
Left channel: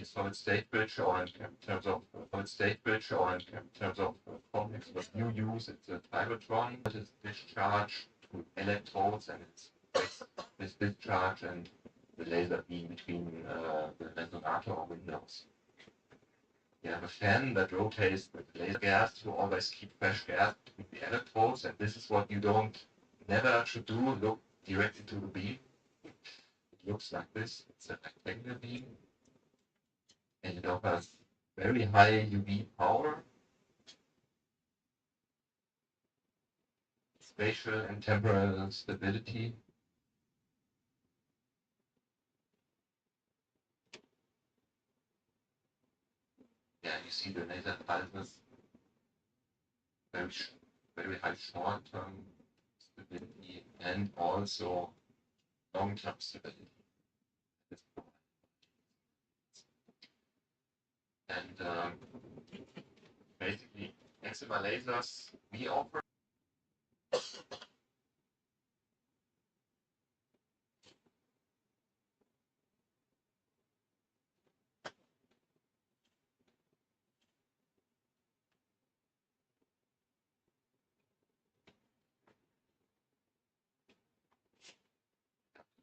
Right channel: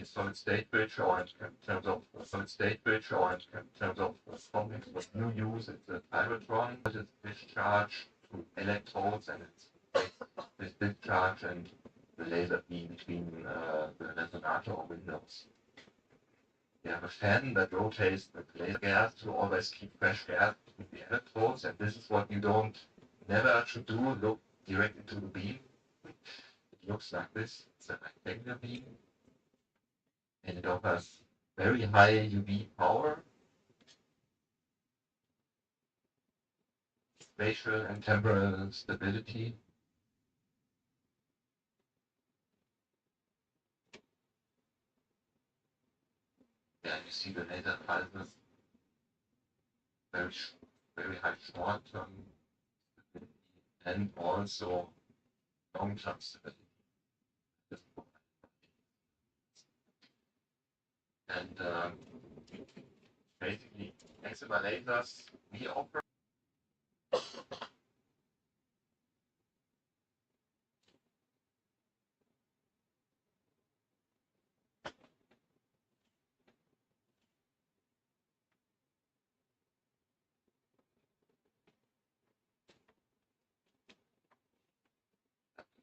a solid state bridge, or in terms of complex what you use, it's a pyrotron. It is discharge to electrodes, and it's this discharge and the laser beam between the resonator or windows. You have a fan that rotates the laser gas to always keep fresh gas between the electrodes, and this is what you never should do, look direct into the beam. It looks like this, it's a rectangular beam, and it offers very high UV power, spatial and temporal stability. Yeah, you see the laser pulses, very high short-term stability and also long-term stability. And basically, Excimer lasers we offer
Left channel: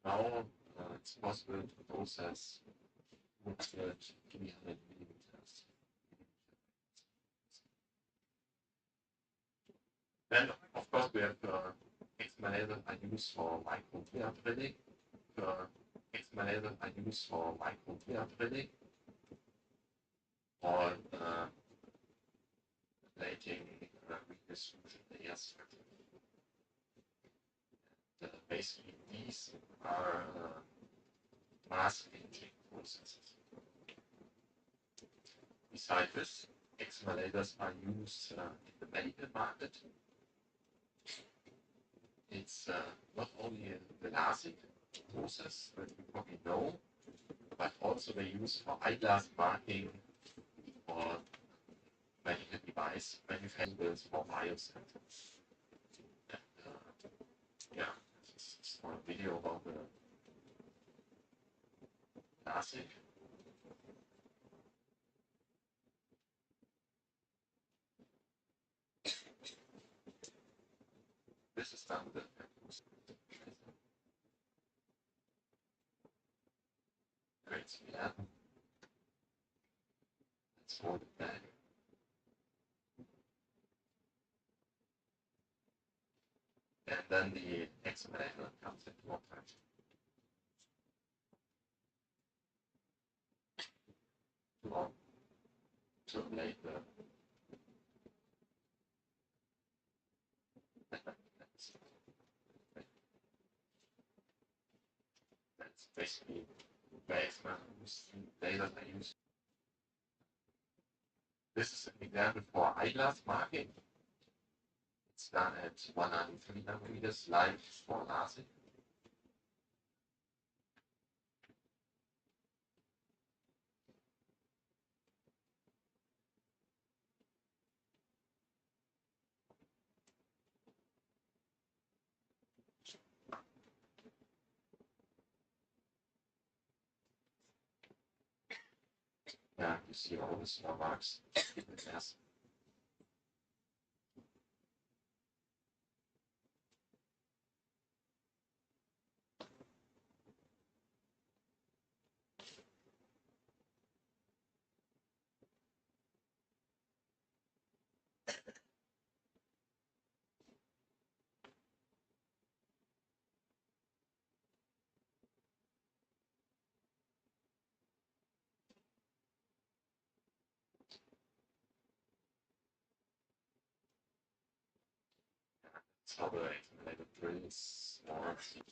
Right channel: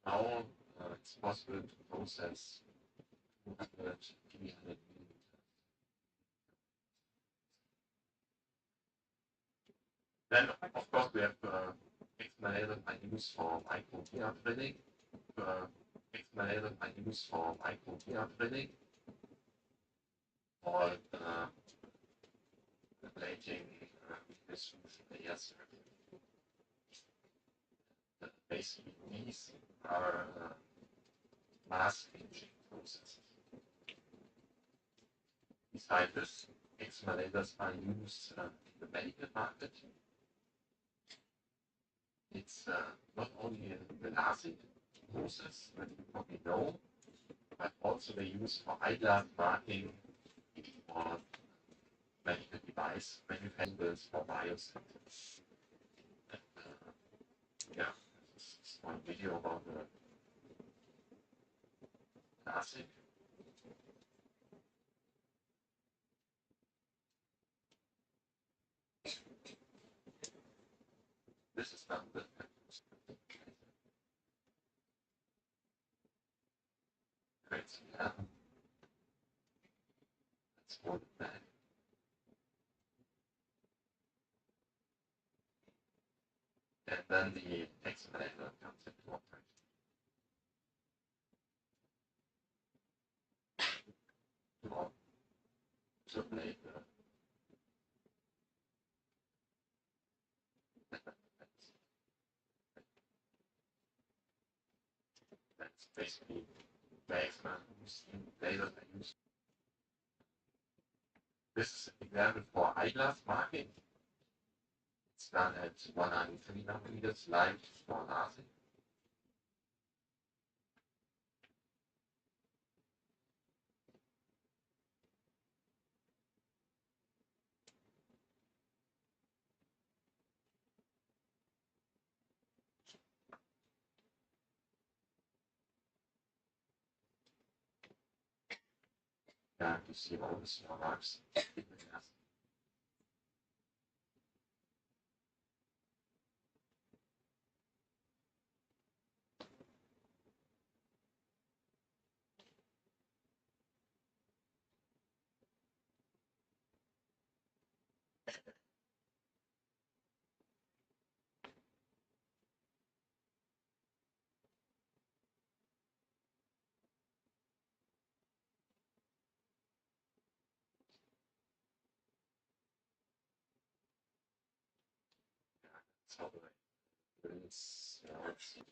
now it's possible to process 200, 300 millimeters. Then, of course, we have Excimer lasers are used for micro drilling. Excimer lasers are used for micro drilling or plating redistribution layers. Basically, these are mass imaging processes. Besides this, Excimer lasers are used in the medical market. It's not only the LASIK process that you probably know, but also they use for eyeglass marking, for medical device manufacturers, for biosensors. Yeah, this is one video about the LASIK. This is done with great, yeah. Let's hold it back. and then the accelerator comes into operation. To ablate the that's basically the Excimer lasers I use. This is an example for eyeglass marking. It's done at 103 nanometers, live for LASIK. Yeah, you see all the small marks. Yes. That's how the accelerator drills works. And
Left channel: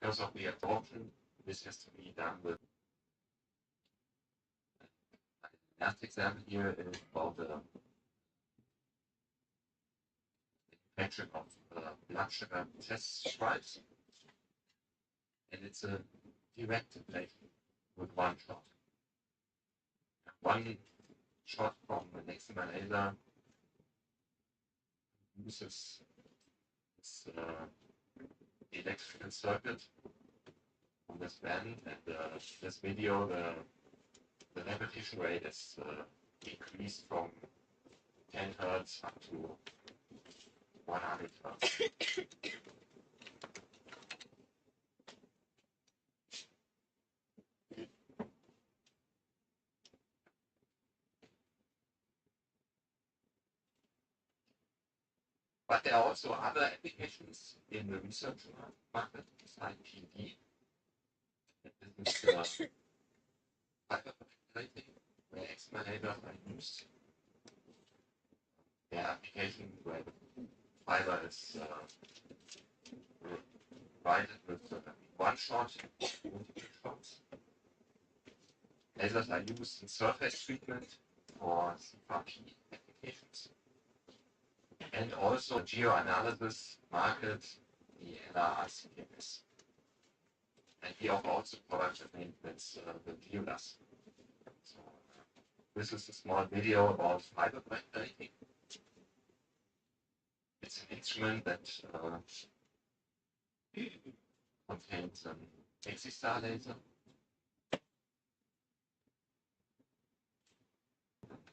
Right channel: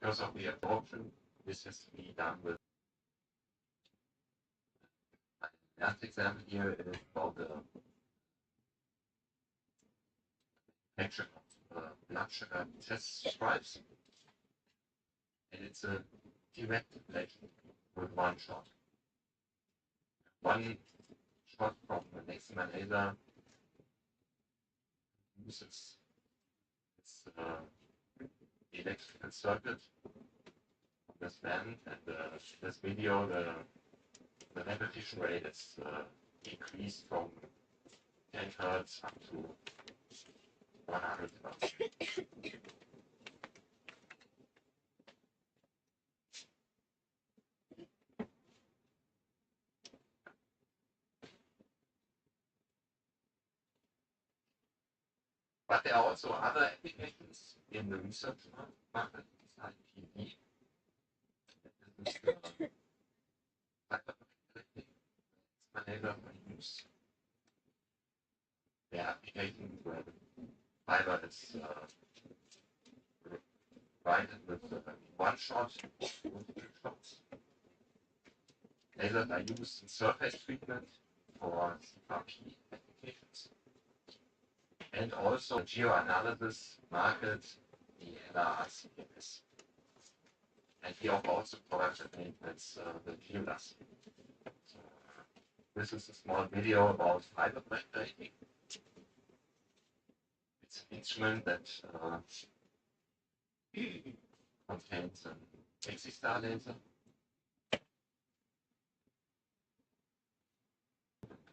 because of the absorption, this has to be done with. The last example here is about the manufacture of blood sugar test stripes. And it's a direct ablation with one shot. One shot from an Excimer laser uses this electrical circuit on this band, and this video, the repetition rate is increased from 10 hertz up to 100 hertz. But there are also other applications in the research market besides PD. This is fiber manipulating, where Excimer lasers are used. There are applications where the fiber is provided with one shot, multiple shots. Lasers are used in surface treatment for CRP applications. And also geoanalysis market, the LRCMS. And we offer also products that maintenance the GeoDAS. So this is a small video about fiber manipulating. It's an instrument that contains an Excimer laser.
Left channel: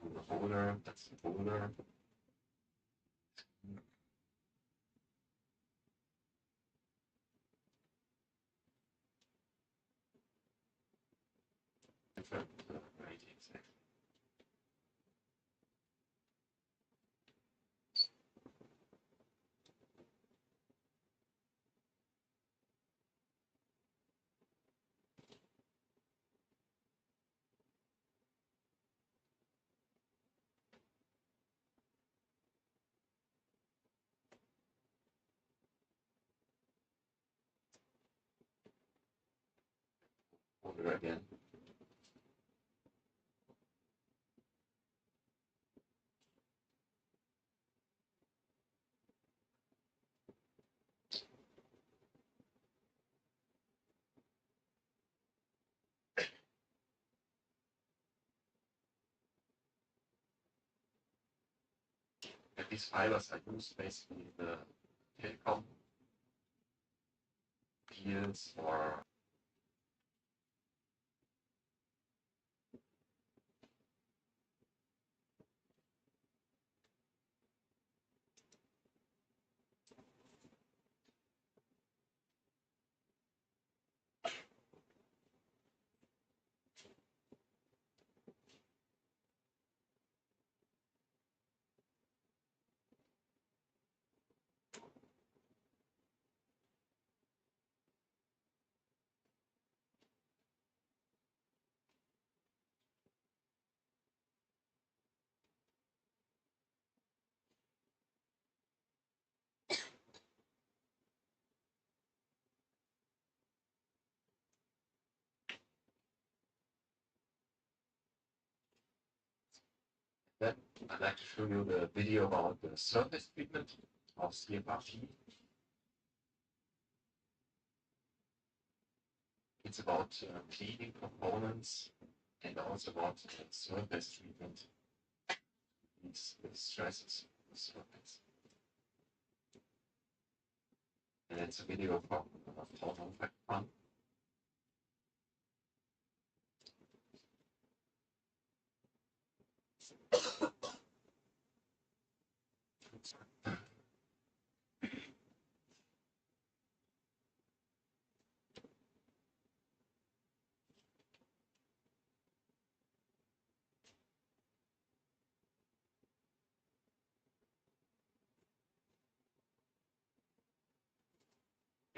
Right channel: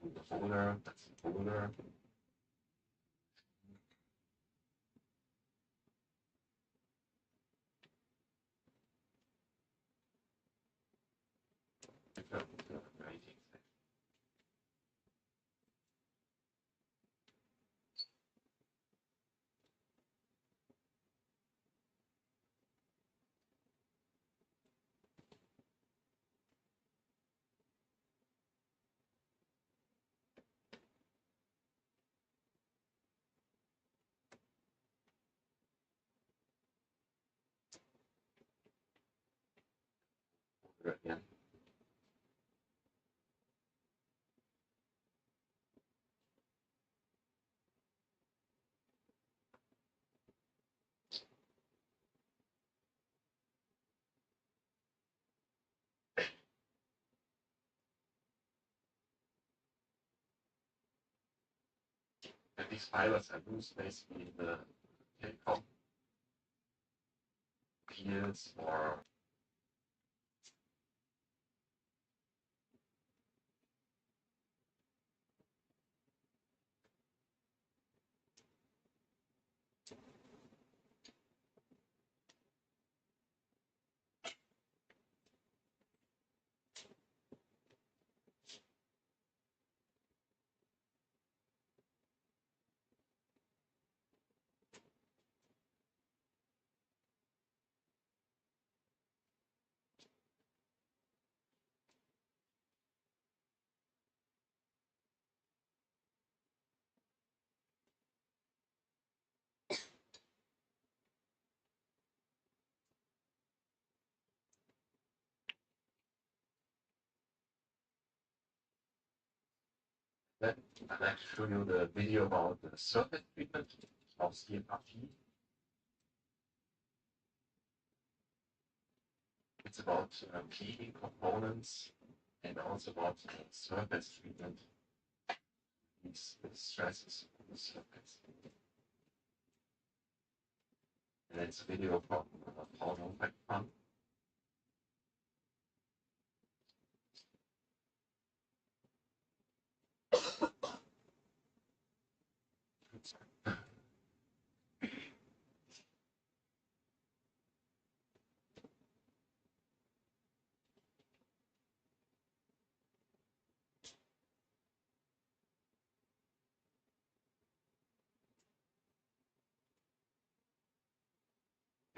To the holder, that's the holder. Holder again. And these fibers are used basically in the telecom fields or then I'd like to show you the video about the surface treatment of CFRT. It's about cleaning components and also about surface treatment. These stresses on the surface. And it's a video from Hon'ble.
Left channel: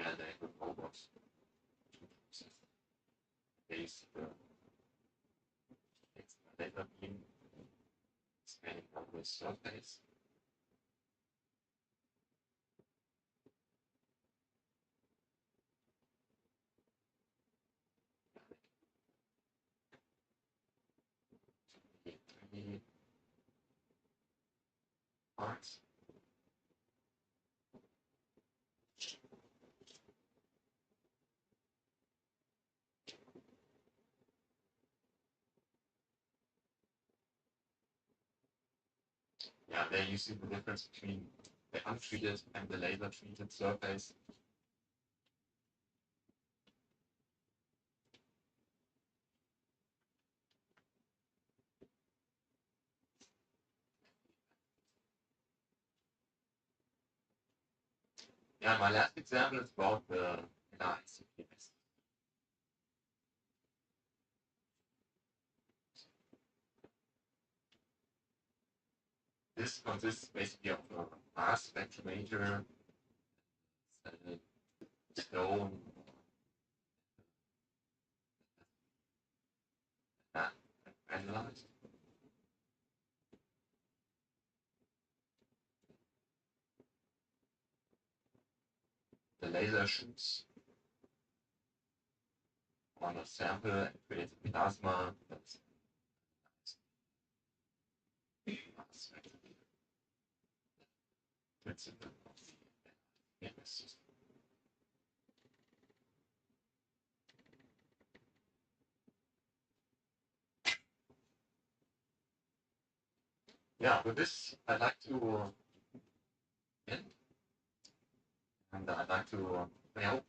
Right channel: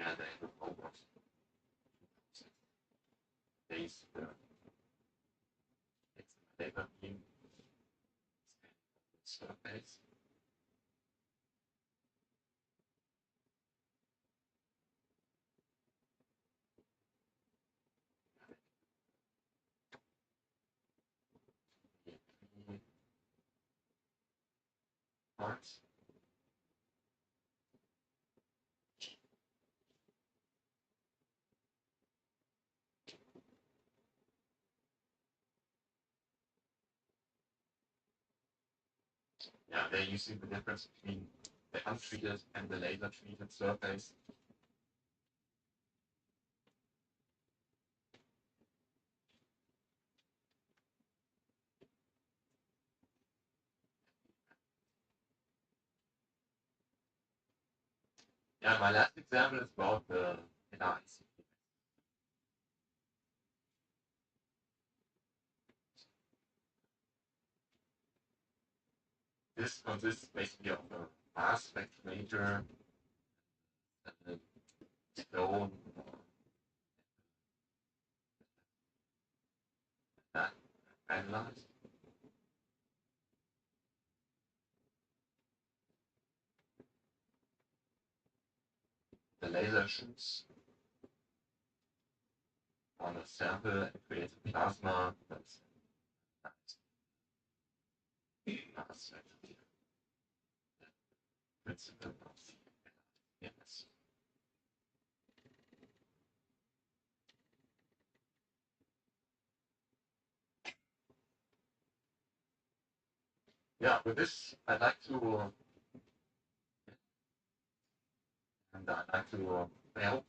And they have robots to process base it's a laser beam scanning on the surface. Three parts. Yeah, there you see the difference between the untreated and the laser treated surface. Yeah, my last example is about the ICPS. This consists basically of a mass spectrometer, stone, analyzed. The laser shoots on a sample and creates a plasma that's mass spectrometer. Principle of the MS system. Yeah, with this, I'd like to end, and I'd like to help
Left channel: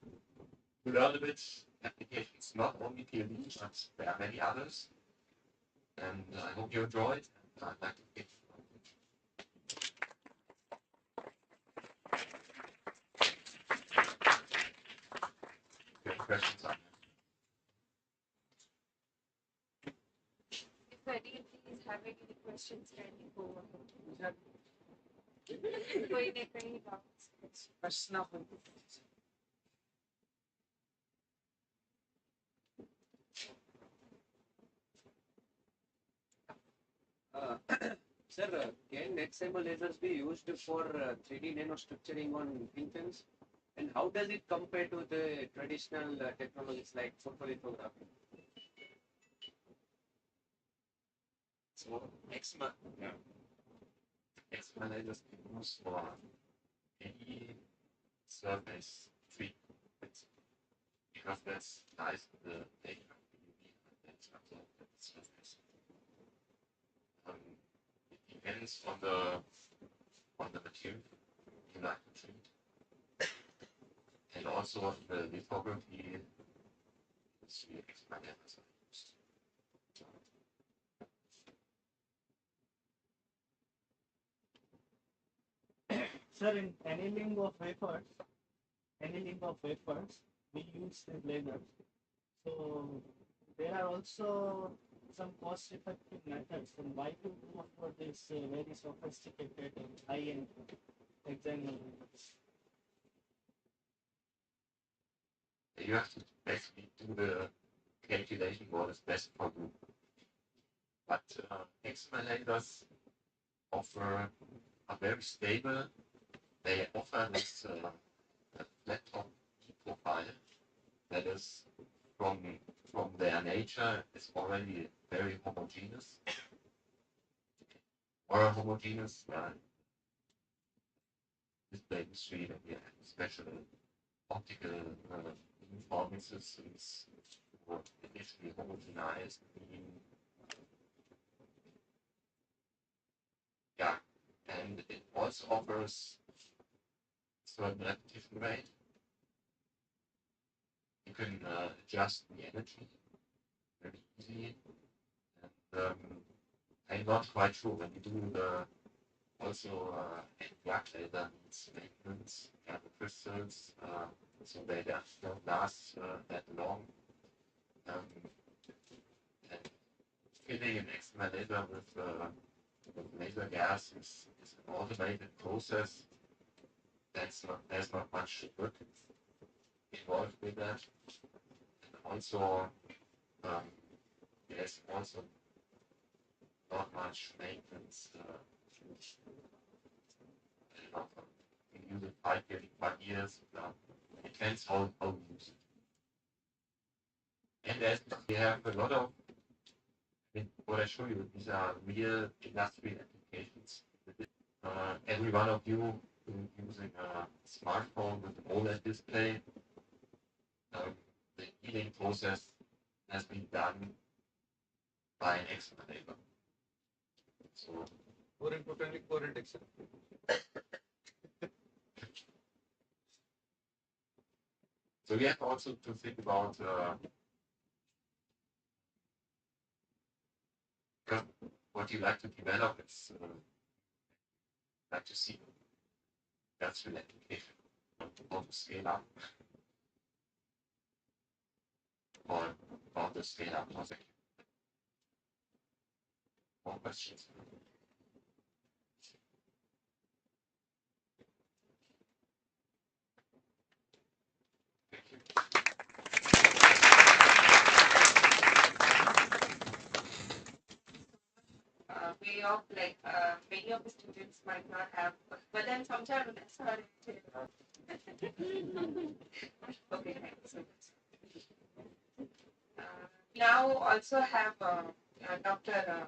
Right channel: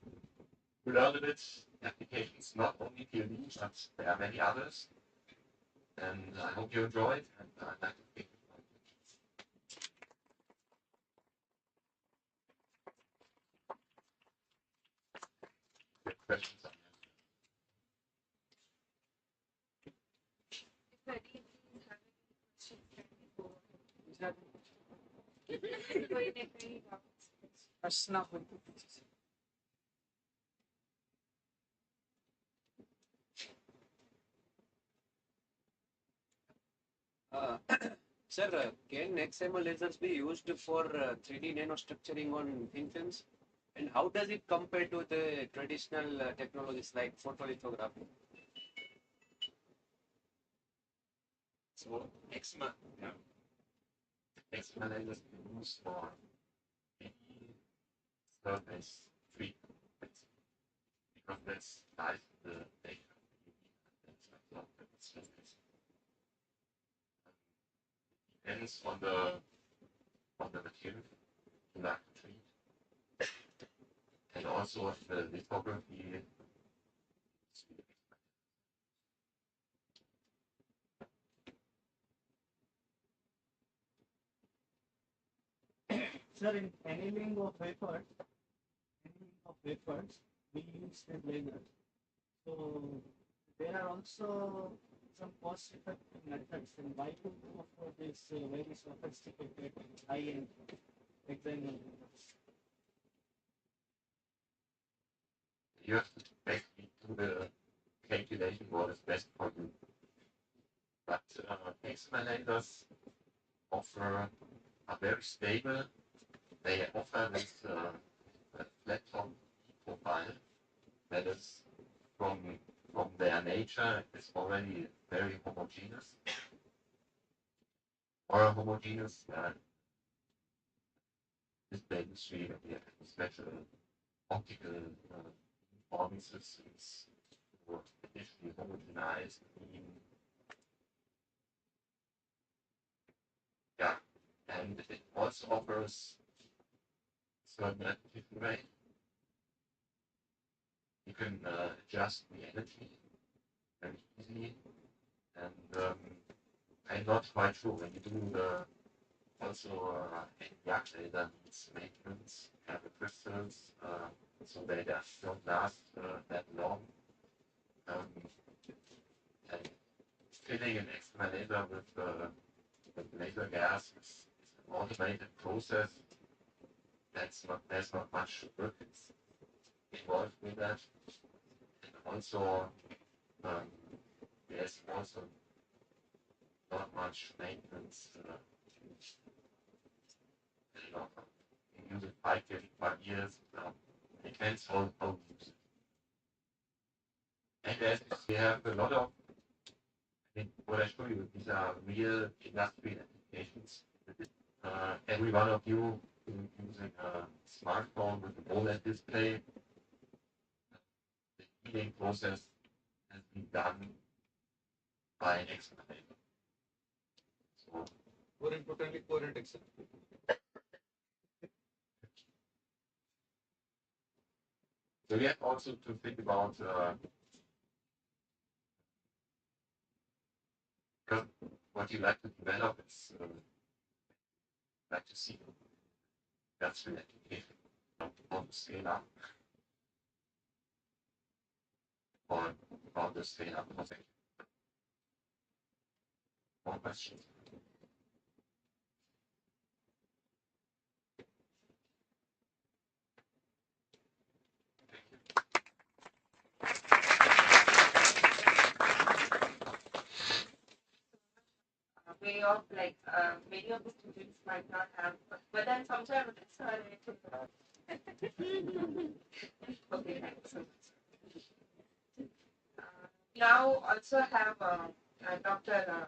you learn a bit applications, not only PLD, but there are many others. And I hope you enjoyed, and I'd like to give your questions on If anyone is having any questions, can you go ahead? कोई ने कहीं प्रश्न Sir, can Excimer lasers be used for 3D nanostructuring on thin films? And how does it compare to the traditional technologies like photolithography? So Excimer, yeah. Excimer lasers can be used for any surface treatment because that's lies in the data of the UV in terms of the surface. It depends on the on the material you like to treat. And also the lithography is the Excimer. Sir, in annealing of wafers, we use the lasers. So there are also some cost-effective methods. And why to go for this very sophisticated and high-end Excimer lasers? You have to basically do the calculation what is best for you. But Excimer lasers offer are very stable. They offer this flat top profile that is from their nature is already very homogeneous. Or homogeneous display industry that we have special optical uniforming systems for basically homogenized beam. Yeah, and it also offers certain repetition rate. You can adjust the energy very easily, and I'm not quite sure when you do the also black laser needs maintenance, have the crystals, so they don't last that long. And filling an Excimer laser with laser gas is an automated process. There's not much work involved with that. And also, there's also not much maintenance. You use it 5 years. Depends how you use it. And as we have a lot of, what I show you, these are real industrial applications. Every one of you using a smartphone with an OLED display, the heating process has been done by an Excimer laser. So, More importantly, current Excimer. So we have also to think about what you like to develop is like to see that's an application on the scale up or on the scale up project. More questions? Thank you. Way of like many of the students might not have, but then sometimes that's how it is. Okay, thank you so much. Now also have Dr.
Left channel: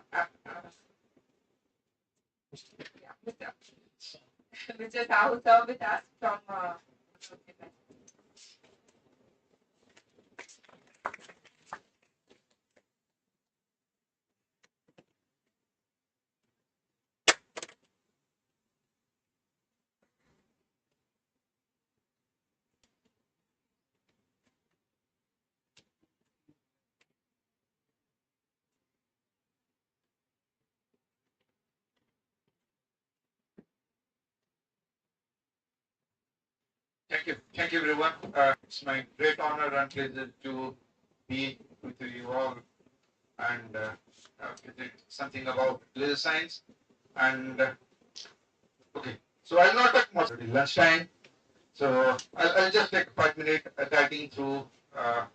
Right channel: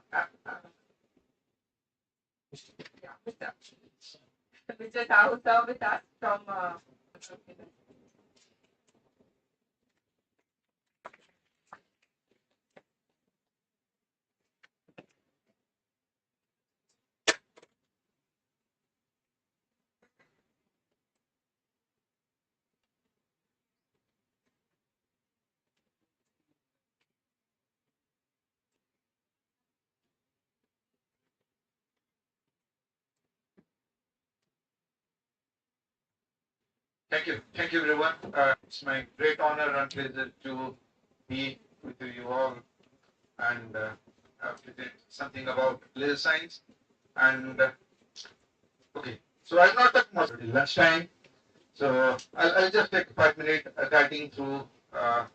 Mr. Mr. Sahu with us from Thank you, everyone. It's my great honor and pleasure to be with you all and present something about laser science. And okay, so I'll not talk much until lunchtime. So I'll just take 5 minutes guiding through our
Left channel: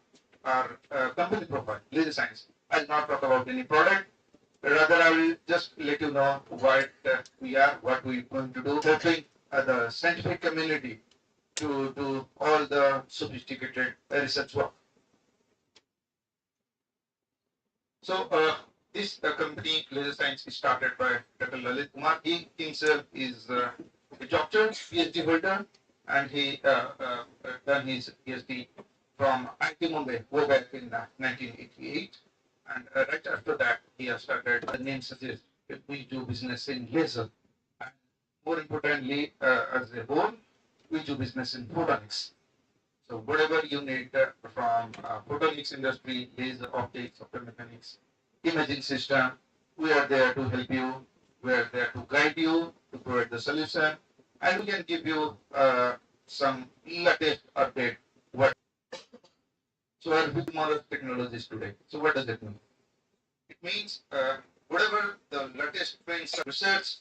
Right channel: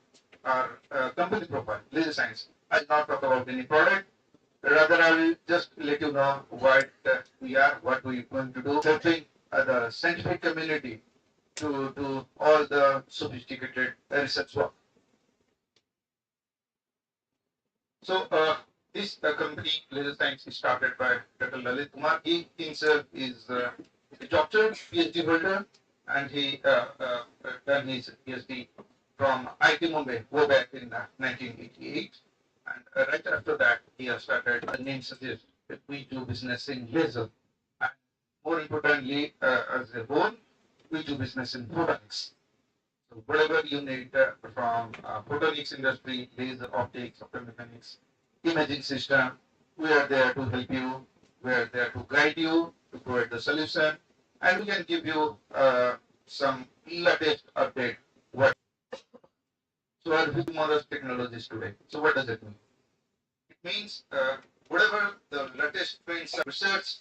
company profile, laser science. I'll not talk about any product. Rather, I will just let you know what we are, what we're going to do, helping the scientific community to do all the sophisticated research work. So this company, Laser Science, is started by Dr. Lalit Kumar. He himself is a doctor, PhD holder, and he done his PhD from IT Mumbai, way back in 1988. And right after that, he has started, the name suggests, we do business in laser. And more importantly, as a whole, we do business in photonics. So whatever you need from photonics industry, laser optics, optomechanics, imaging system, we are there to help you. We are there to guide you, to provide the solution, and we can give you some latest update. What? So are tomorrow's technologies today. So what does it mean? It means whatever the latest trends of research,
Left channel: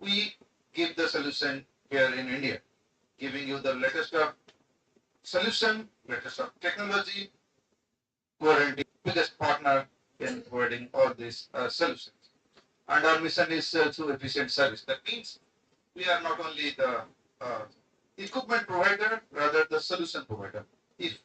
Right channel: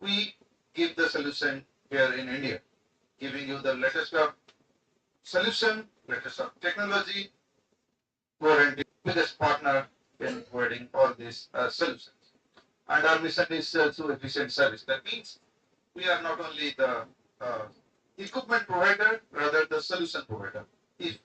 we give the solution here in India, giving you the latest of solution, latest of technology, warranty, biggest partner in providing all these solutions. And our mission is to efficient service. That means we are not only the equipment provider, rather the solution provider. If